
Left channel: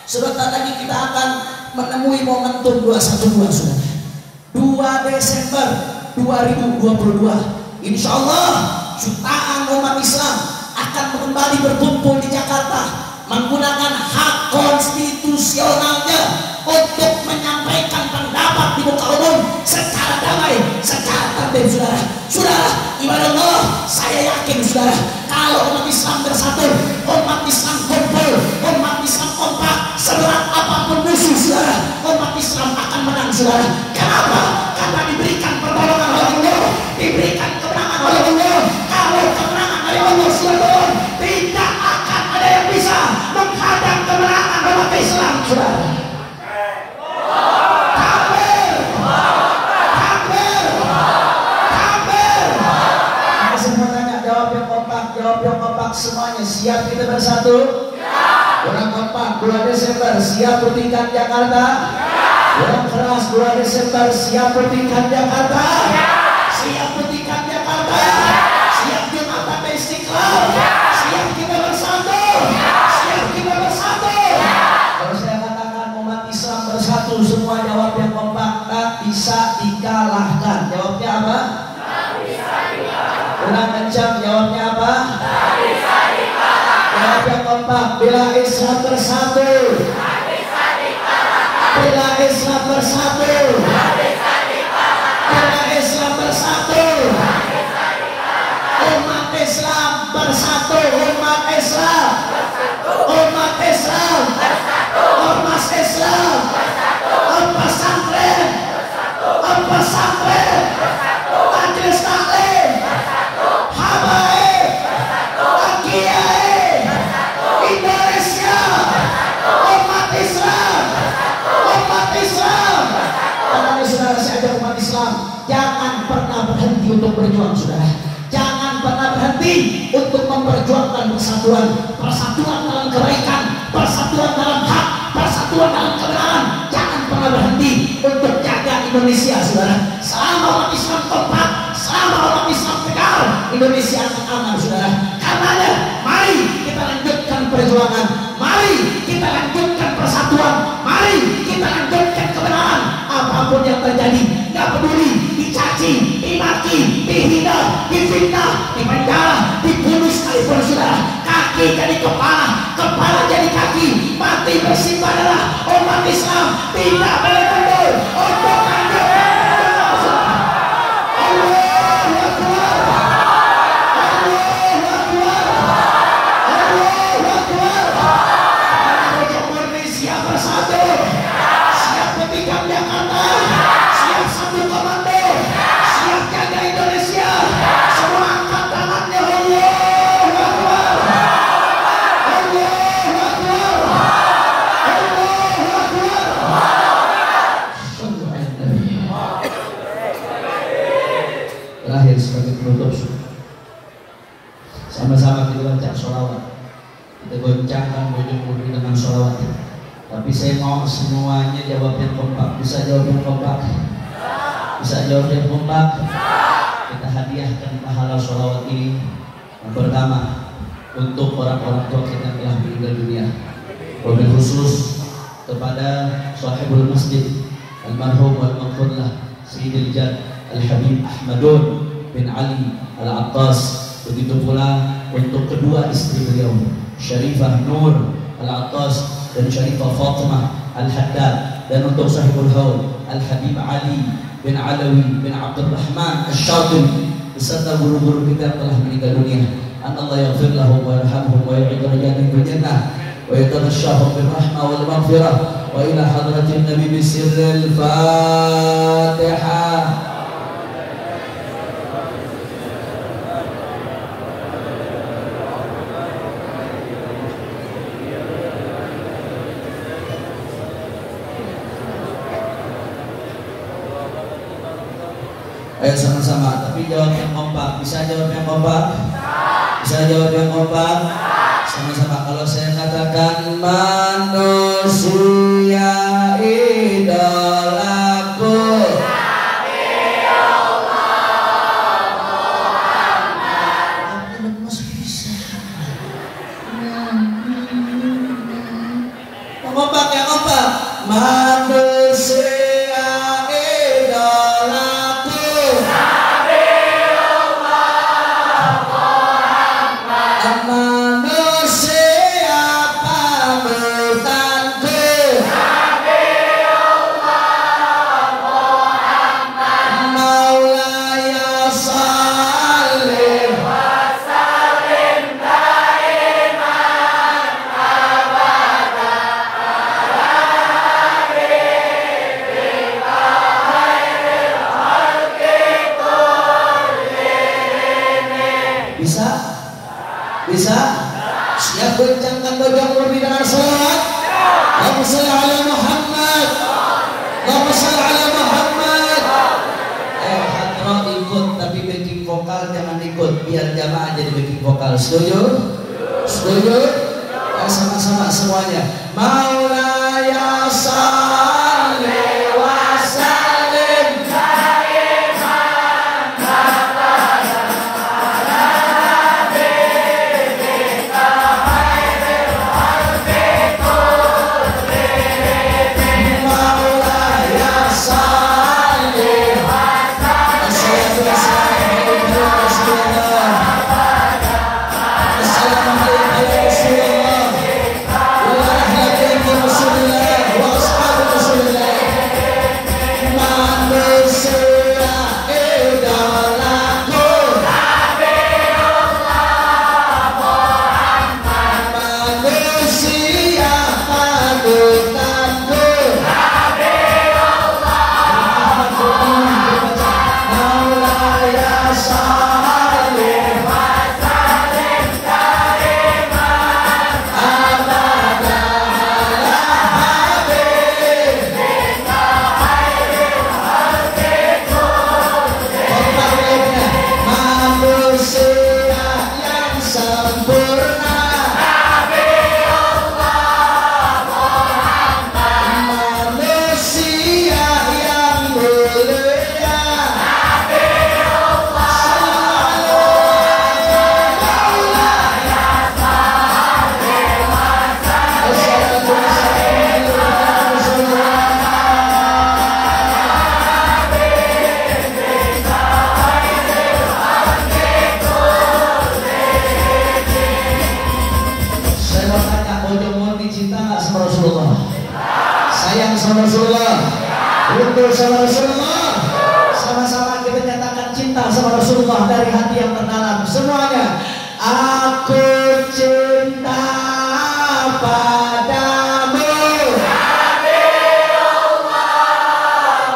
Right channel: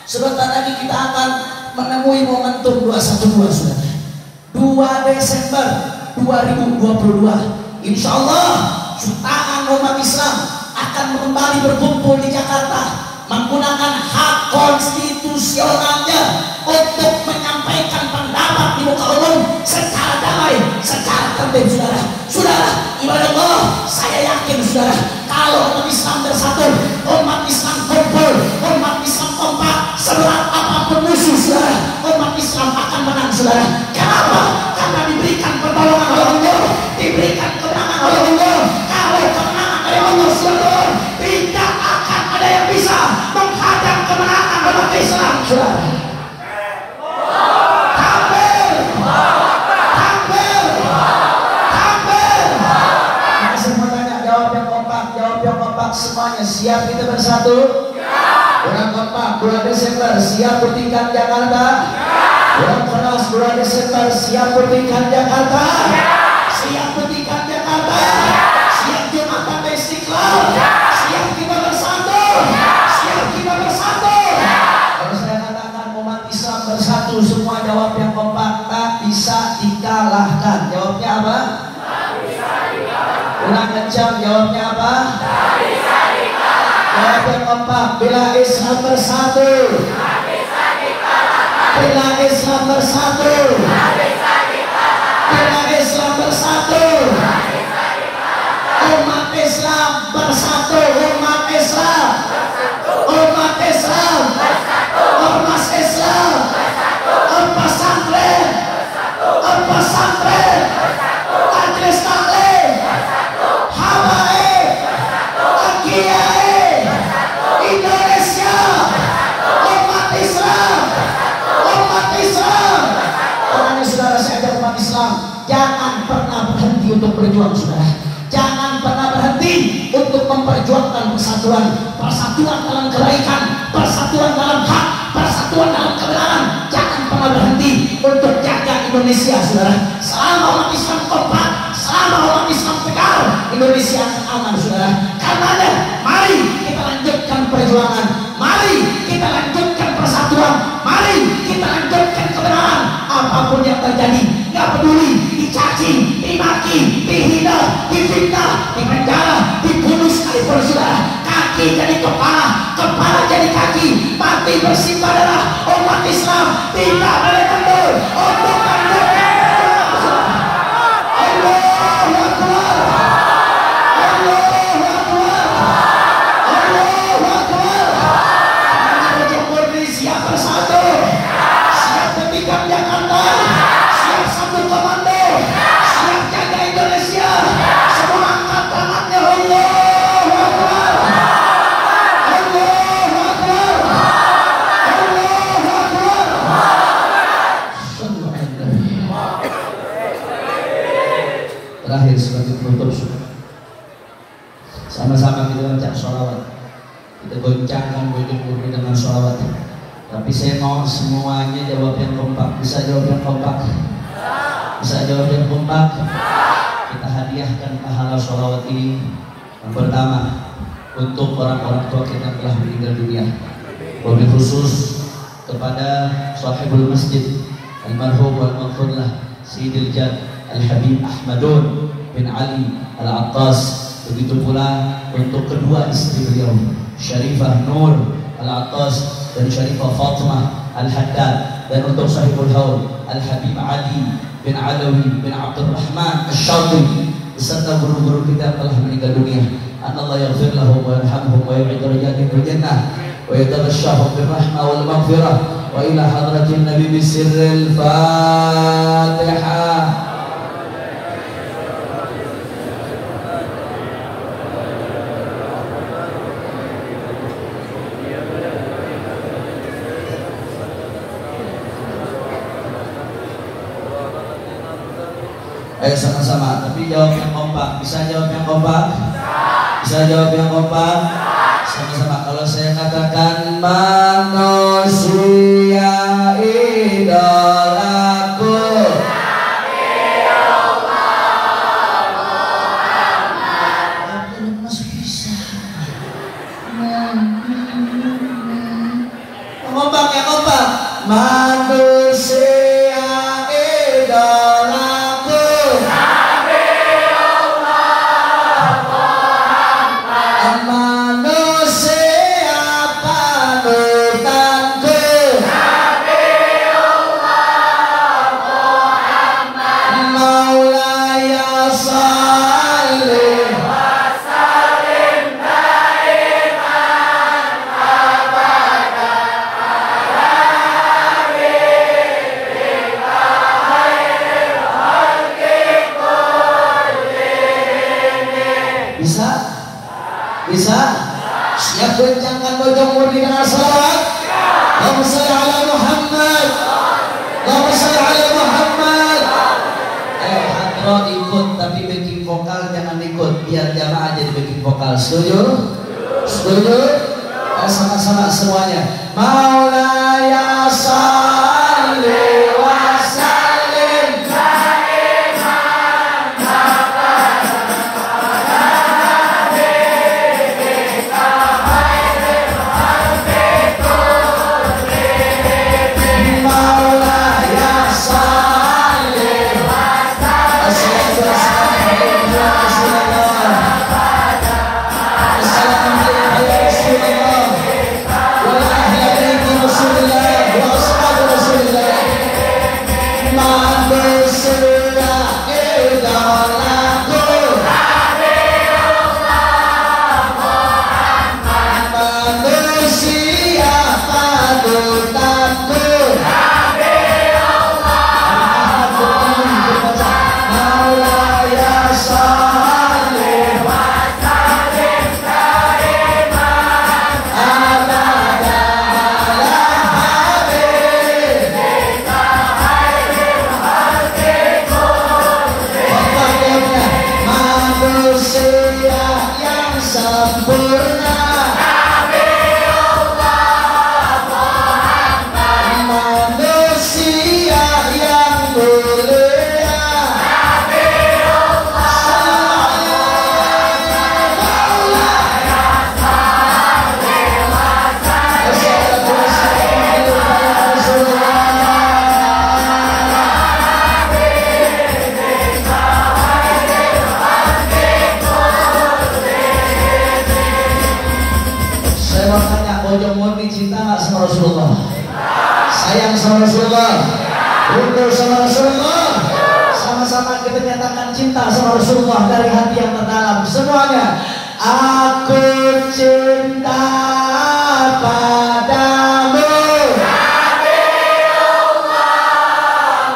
sebentar lagi kita akan menemui momentum 212, saudara. 2 Desember 2022. Insya Allah jutaan umat Islam akan kembali berkumpul di Jakarta menggunakan hak konstitusionalnya untuk menyampaikan pendapat di muka umum secara damai, secara tertib. Saudara, ibadah Allah, saya yakin saudara, kalau umat Islam bersatu, umat Islam kumpul, umat Islam kompak, seberat apapun musuh saudara, umat Islam akan menang saudara. Kenapa? Karena diberikan pertolongan oleh Allah, diberikan kemenangan oleh Allah. Kalau kemenangan dari Allah saudara, tidak akan ada yang bisa menghadang kemenangan umat Islam saudara. Semuanya siap kita bersatu? Orang kompak 2 Desember siap bertingkat Jakarta? Orang keras 2 Desember siap bertingkat Jakarta? Siap bertingkat Jakarta? Siap Jumatan Istiqlal? Siap kita bersatu? Siap kita bersatu? Kalau saya katakan umat Islam bersatu, semua jawab yang kompak, tak bisa dikalahkan. Jawabnya apa? Tak bisa dikalahkan. Ulang kencang, jawabnya apa? Jawab yang kompak, bila Islam bersatu, bila Islam bersatu, bila Islam bersatu, umat Islam bersatu, umat Islam, umat Islam, ormas Islam, ormas santren, ormas santren, majelis taklim, habaib, kiai, Indonesia, umat Islam, umat Islam. Orang saudara, saya ajak umat Islam, jangan pernah berhenti untuk berjuang saudara. Jangan pernah berhenti untuk memperjuangkan persatuan, persatuan dalam kebaikan, persatuan dalam hak, persatuan dalam kebenaran. Jangan pernah berhenti untuk jaga Indonesia saudara. Selama umat Islam kompak, selama umat Islam tegar, Indonesia akan aman saudara. Karenanya mari kita lanjutkan perjuangan, mari kita lanjutkan persatuan, mari kita lanjutkan kebenaran. Apapun yang terjadi, nggak peduli dicaci, dimaki, dihina, difitnah, dipenjara, dibunuh sekalipun saudara. Kaki jadi kepala, kepala jadi kaki, mati bersimpah darah. Umat Islam tidak boleh mundur untuk menundukkan terakhir sebagai penutup, sama-sama kita baca sholawat, kita goncangkan ujung bumi dengan sholawat. Tapi saya mau semuanya jawab yang kompak. Bisa jawab yang kompak? Bisa jawab yang kompak? Kita hadiahkan pahala sholawat ini. Yang pertama untuk orang-orang tua kita yang telah meninggal dunia, wabil khusus kepada sahibul masjid almarhum wal maghfurlah Sayyidil Jad Al-Habib Ahmadun bin Ali Al-Attas. Begitu pula untuk kedua istri beliau, Syarifah Nur Al-Attas dan Syarifah Fatimah Al-Haddad, dan untuk sahibul haul Al-Habib Ali bin Alawi bin Abdul Rahman Al-Syadri beserta guru-guru kita yang telah meninggal dunia. Allah yaghfir lahum wa yarhamhum wa yu'id darajatihim fil jannah wa yatarashshahum bir rahmah wal maghfirah wa ila hadratin nabi bisirril Fatihah. Ayo sama-sama, tapi jawab yang kompak. Bisa jawab yang kompak? Bisa jawab yang kompak? Sama-sama. Kalau saya katakan manusia idolaku, masih bisa. Kompak yang kompak. Manusia idolaku. Setuju? Setuju? Sama-sama semuanya. Maulaya salli wa sallim daiman abadan ala habibika khairil khalqi kullihim. Maulaya salli wa sayang sama Rasulullah, rindu sama Rasulullah, sama-sama kita nyatakan cinta sama Rasulullah dari hati yang terdalam semuanya. Aku cinta padamu Nabiullah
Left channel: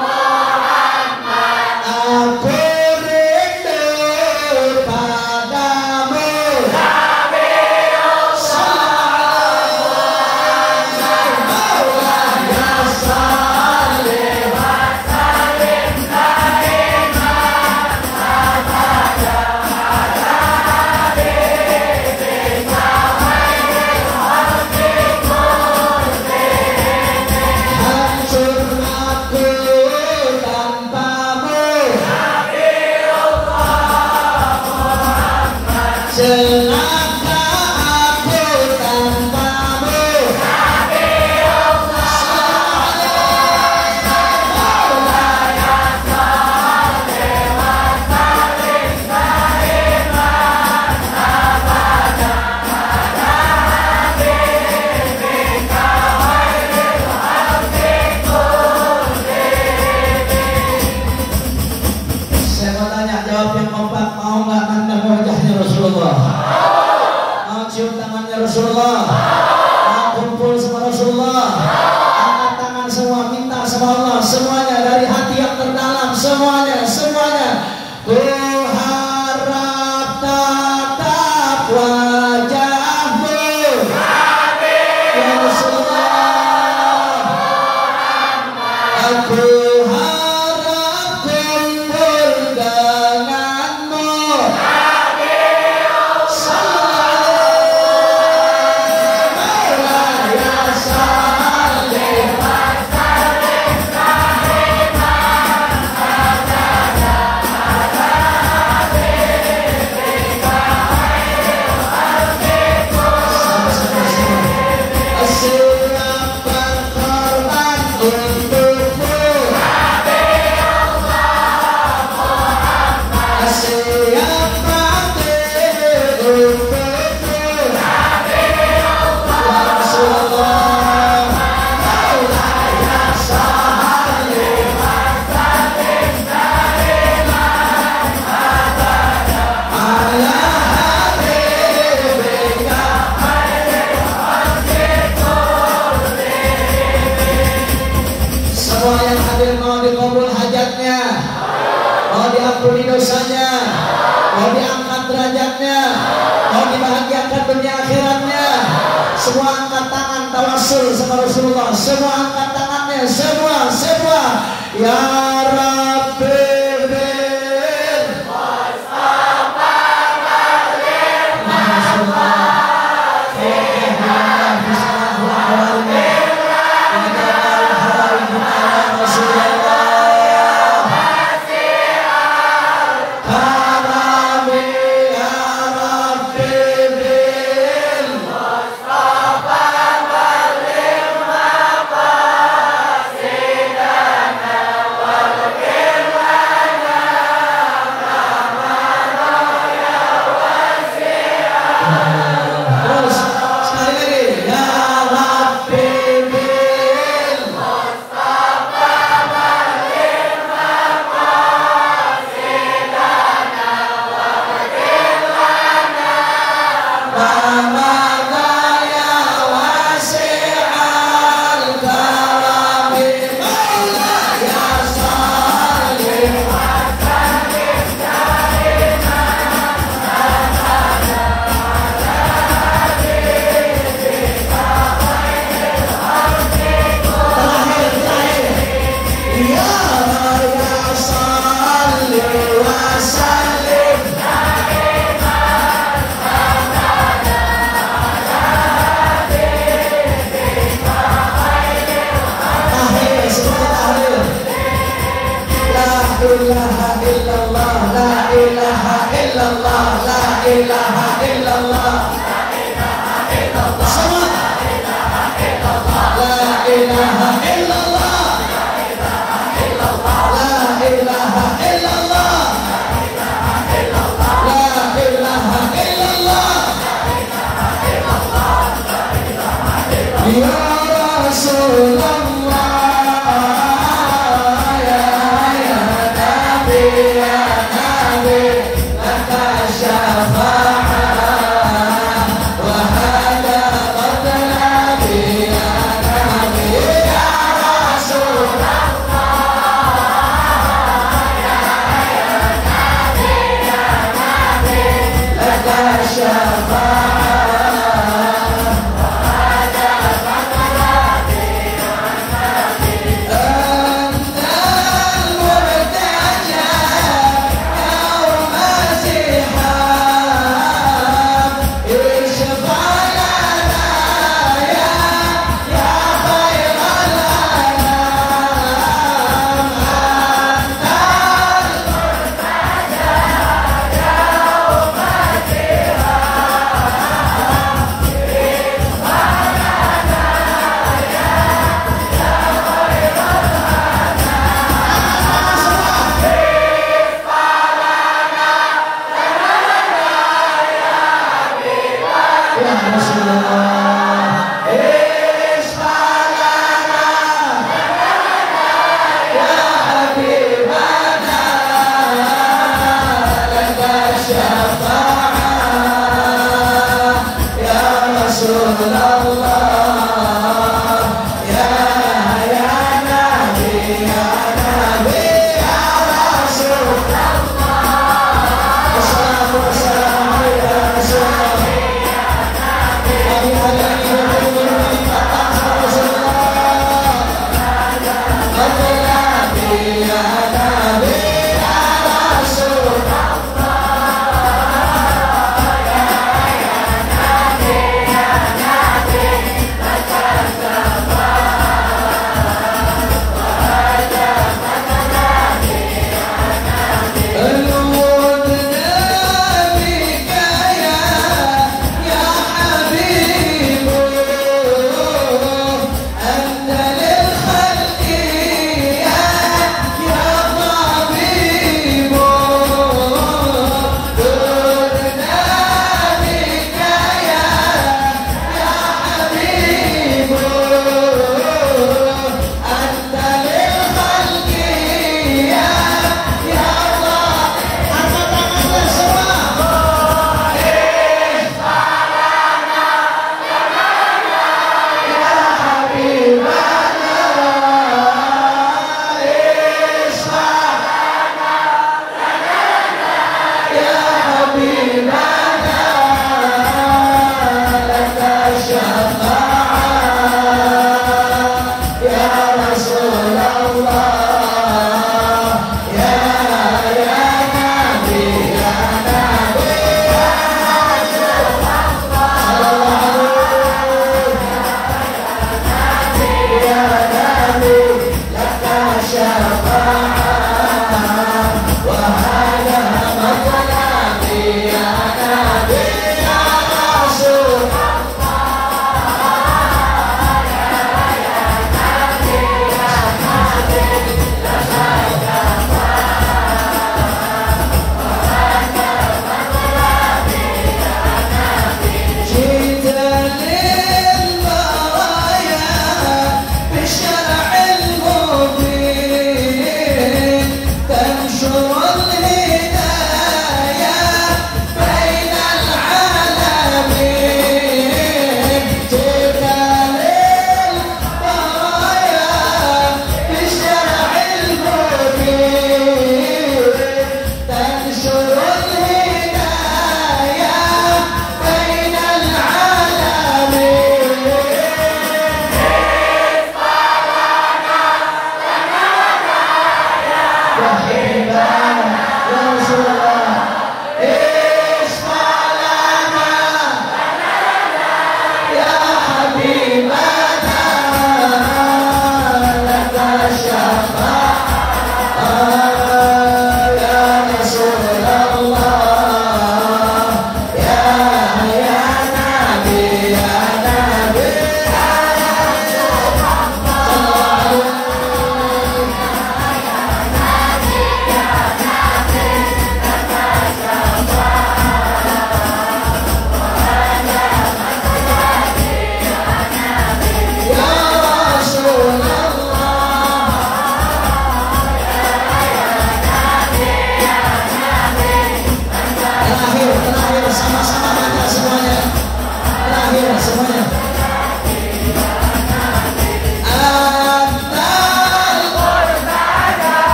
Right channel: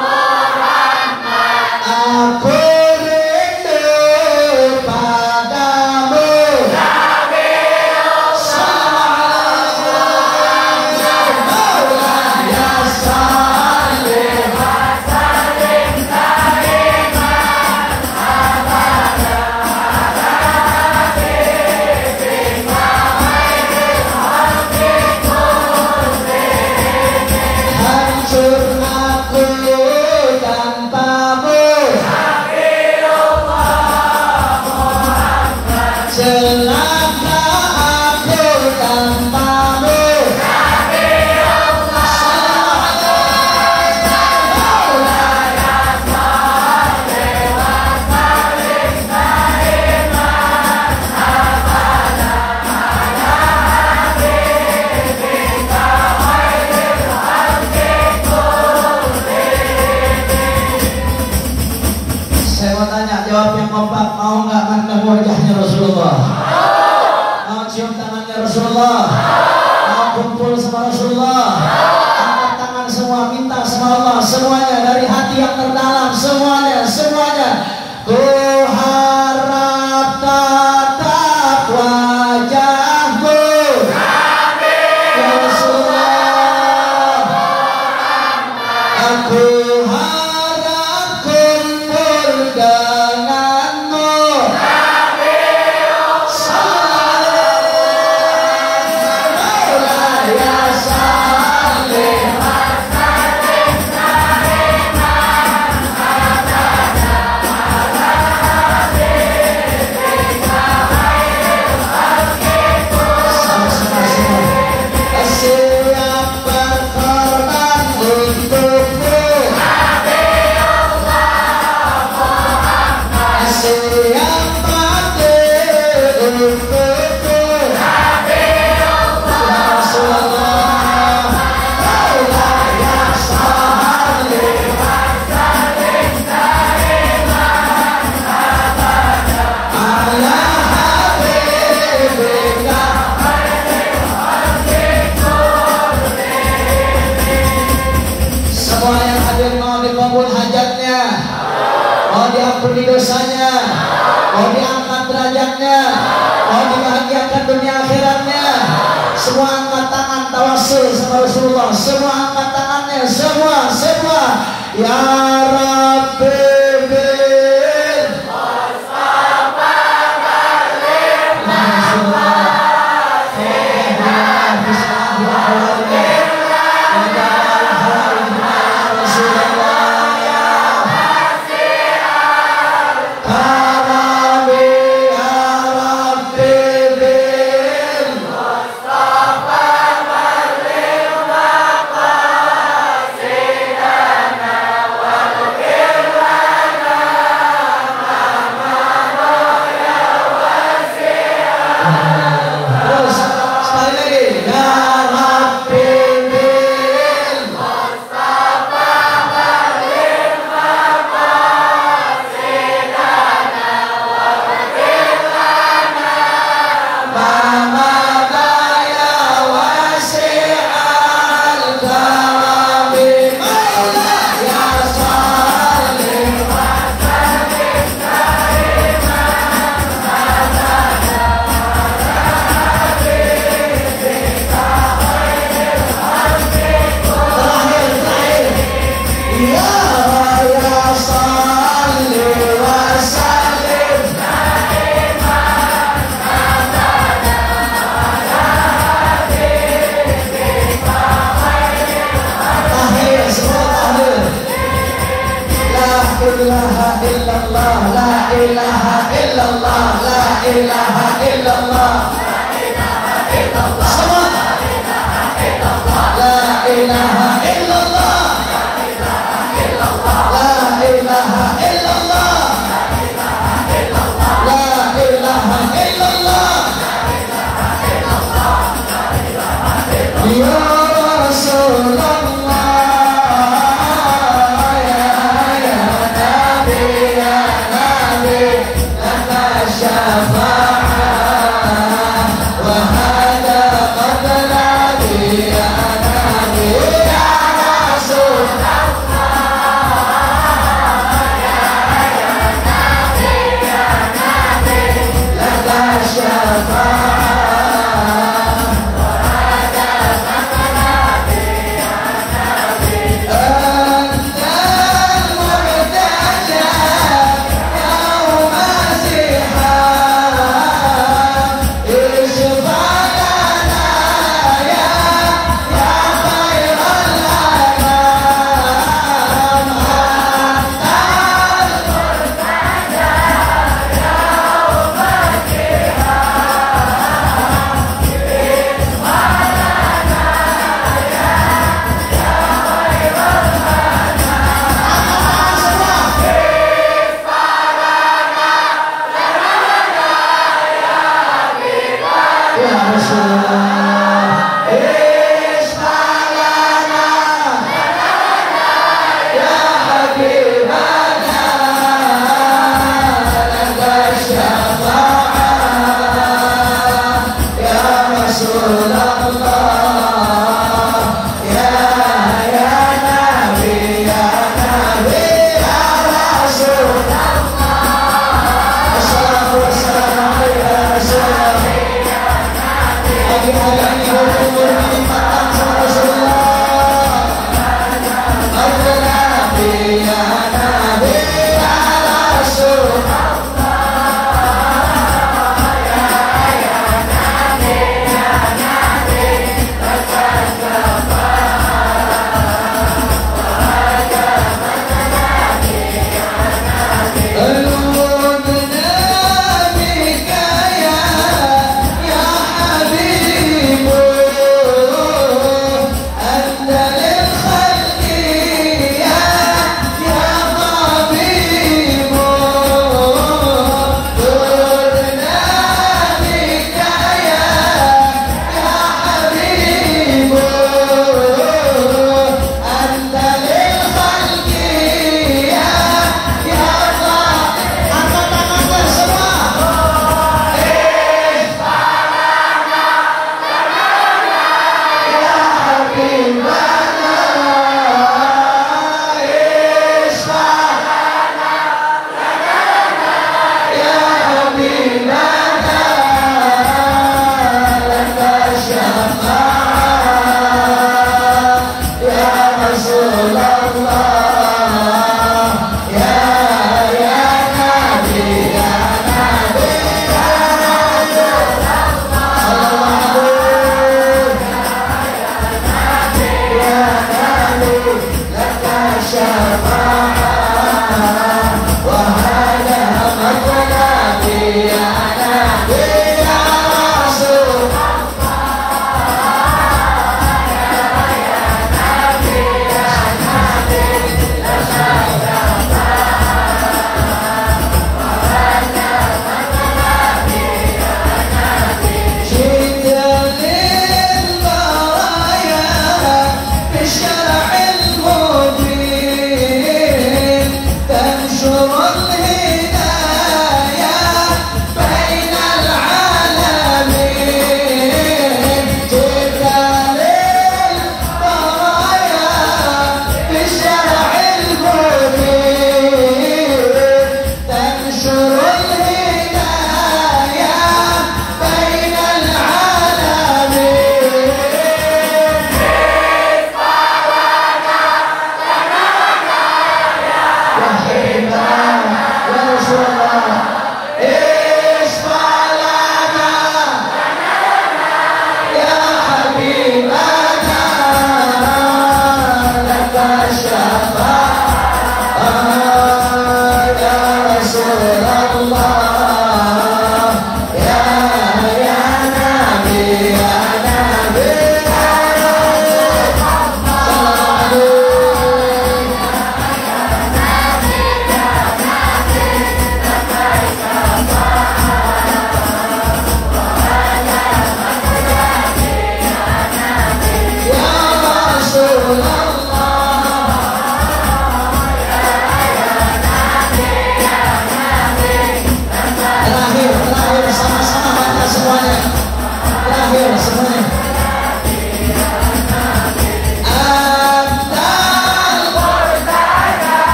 Muhammad, aku rindu padamu Nabiullah jawab yang kompak, mau nggak anda wajahnya Rasulullah? Mau cium tangannya Rasulullah? Mau kumpul sama Rasulullah? Angkat tangan semua, minta sama Allah semuanya dari hati yang terdalam semuanya. Ku harap tatap wajahmu ya Rasulullah, aku harap kundur denganmu diampuni dosanya, mau diangkat derajatnya, mau dibahagiakan dunia akhiratnya. Semua angkat tangan tawasul sama Rasulullah, semua angkat tangannya, semua ya Rabbi Mustafa Marlim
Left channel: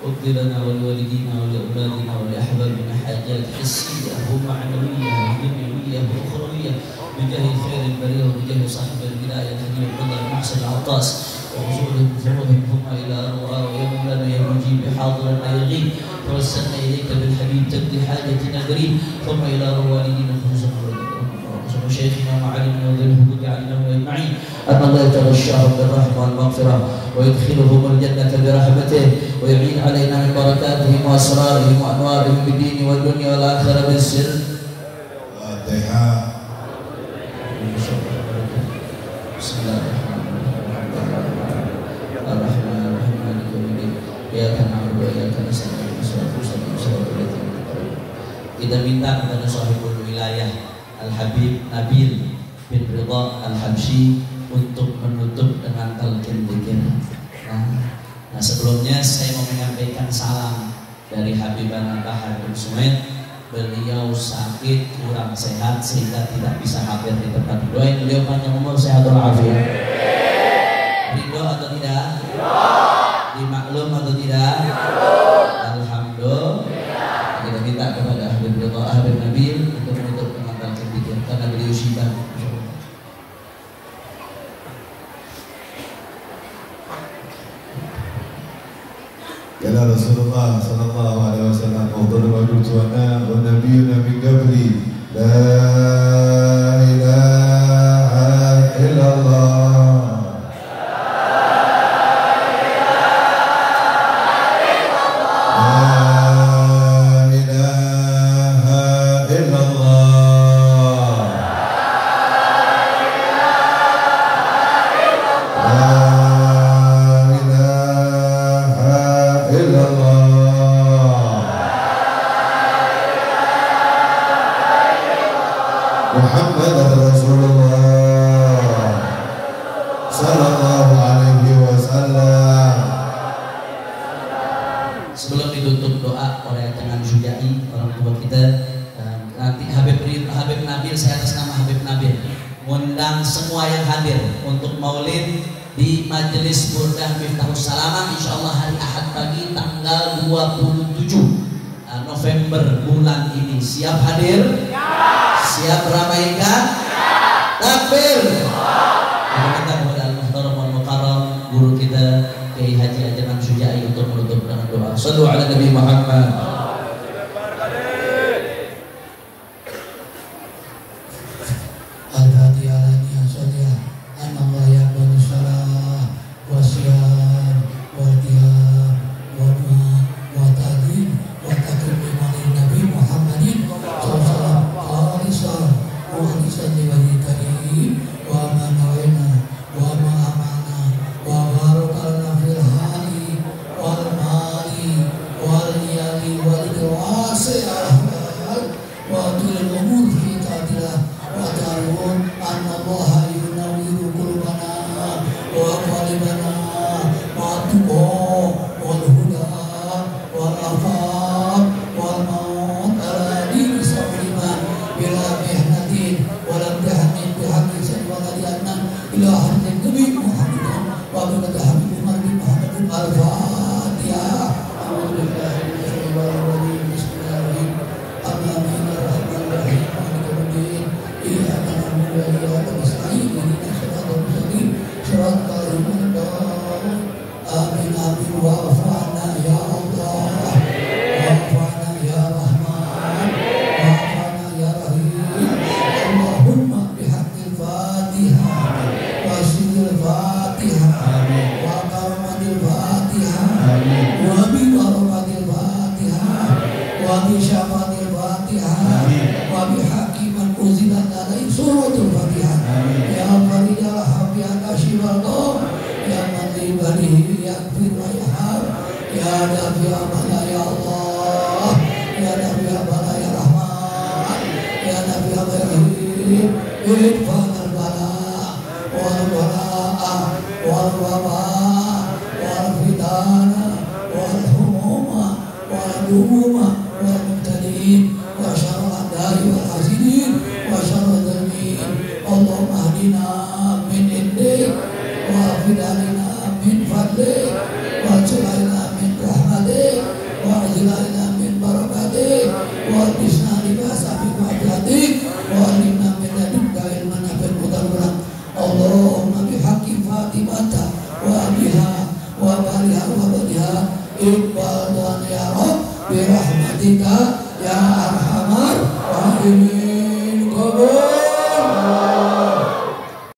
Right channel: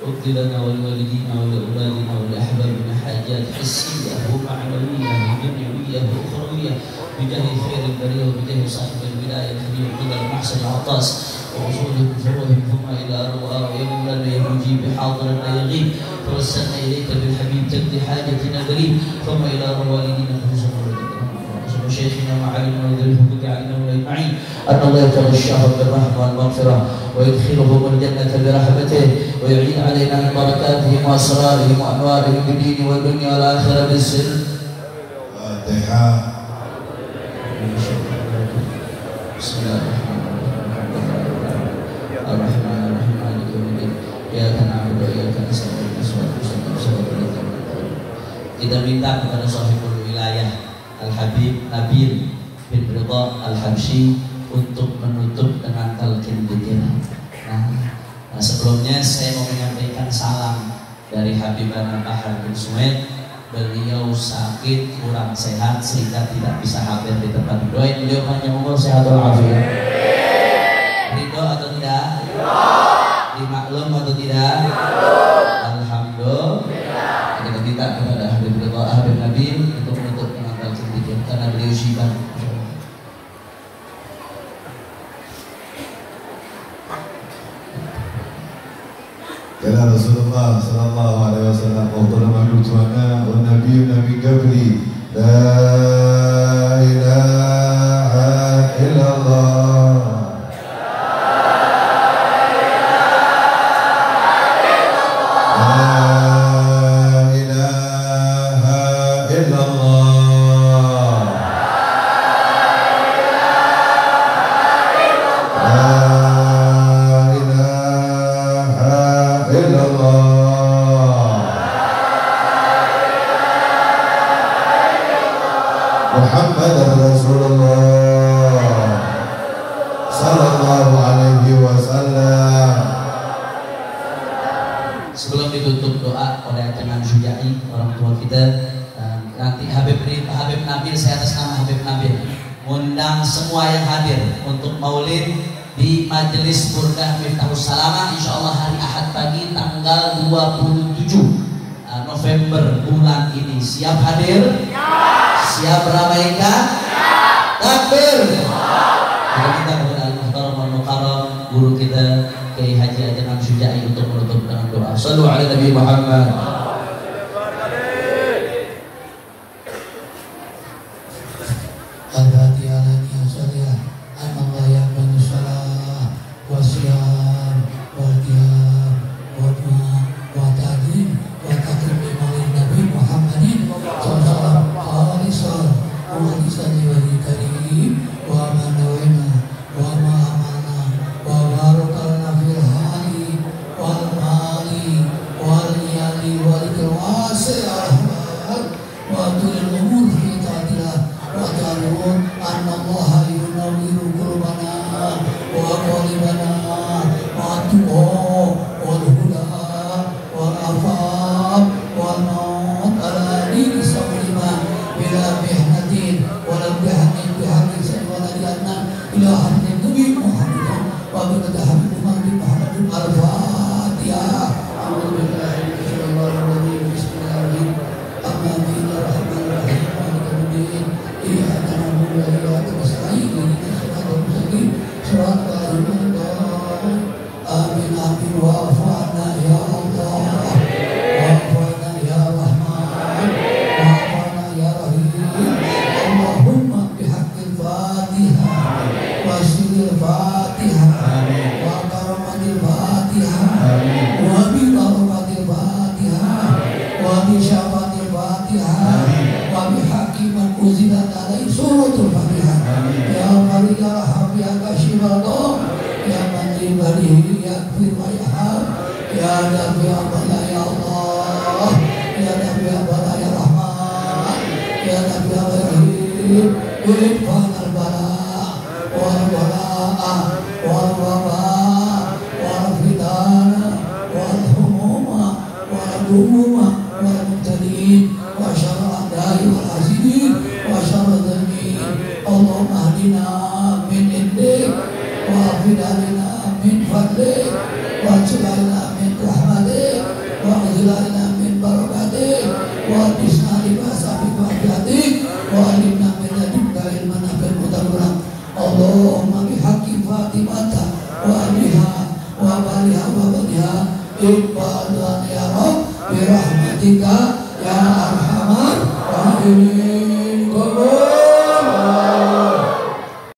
اقض لنا ولوالدينا ولأولادنا ولأحبابنا حاجات حسية ومعنوية ودنيوية وأخروية بجاه خير البرية وبجاه صاحب الولاية الذي يقضى المحسن العطاس ووصولهم ثروهم ثم إلى أرواح يا مولانا يا مجيب حاضرنا يغيب توسلنا إليك بالحبيب تقضي حاجتنا قريب ثم إلى والدينا خصوصا وشيخنا ومعلمنا وذرهم وجعلنا أجمعين أن الله يتغشاهم بالرحمة والمغفرة ويدخلهم الجنة برحمته ويعين علينا من بركاتهم وأسرارهم وأنوارهم بالدين والدنيا والآخرة بالسر. بسم الله الرحمن الرحيم مالك يوم الدين إياك نعبد وإياك نستعين kita minta kepada sahibul wilayah Al-Habib Nabil bin Ridha Al-Habsyi untuk menutup dengan talqin dzikir. Nah, sebelumnya saya mau menyampaikan salam dari Habibana Bahar bin Sumed. Beliau sakit, kurang sehat sehingga tidak bisa hadir di tempat. Doain beliau panjang umur, sehat walafiat. Ridho atau tidak? Dimaklum atau tidak? Alhamdulillah. Kita minta kepada Habib Ridha Habib Nabil untuk menutup dengan talqin dzikir karena beliau syibah. Kala Rasulullah sallallahu alaihi wasallam qala ma'rufana wa nabiyyuna min qabli la ilaha illallah wa ma amana wa barakana fil hari ibadihi yaghfir wa yarham ya Rabbi ya Allah ya Allah ya Rabbi ya Allah ya Rahman ya Rabbi ya Rahim irfan al-bala wal balaa wal wabaa wal fitana wal humuma wal gumuma wal mubtadiin wa syarra al-da'i wal hasidin wa syarra al-dhamin Allahumma hadina min indik wa fidalina min fadlik wa jalana min rahmatik wa ajlalna min barakatik wa bisna libasa bi wahdatik wa alimna min ladunka ilman nafi'an mutarabbiran Allahumma bihaqqi Fatimata wa abiha wa baliha wa baniha ibadan ya Rabb bi rahmatika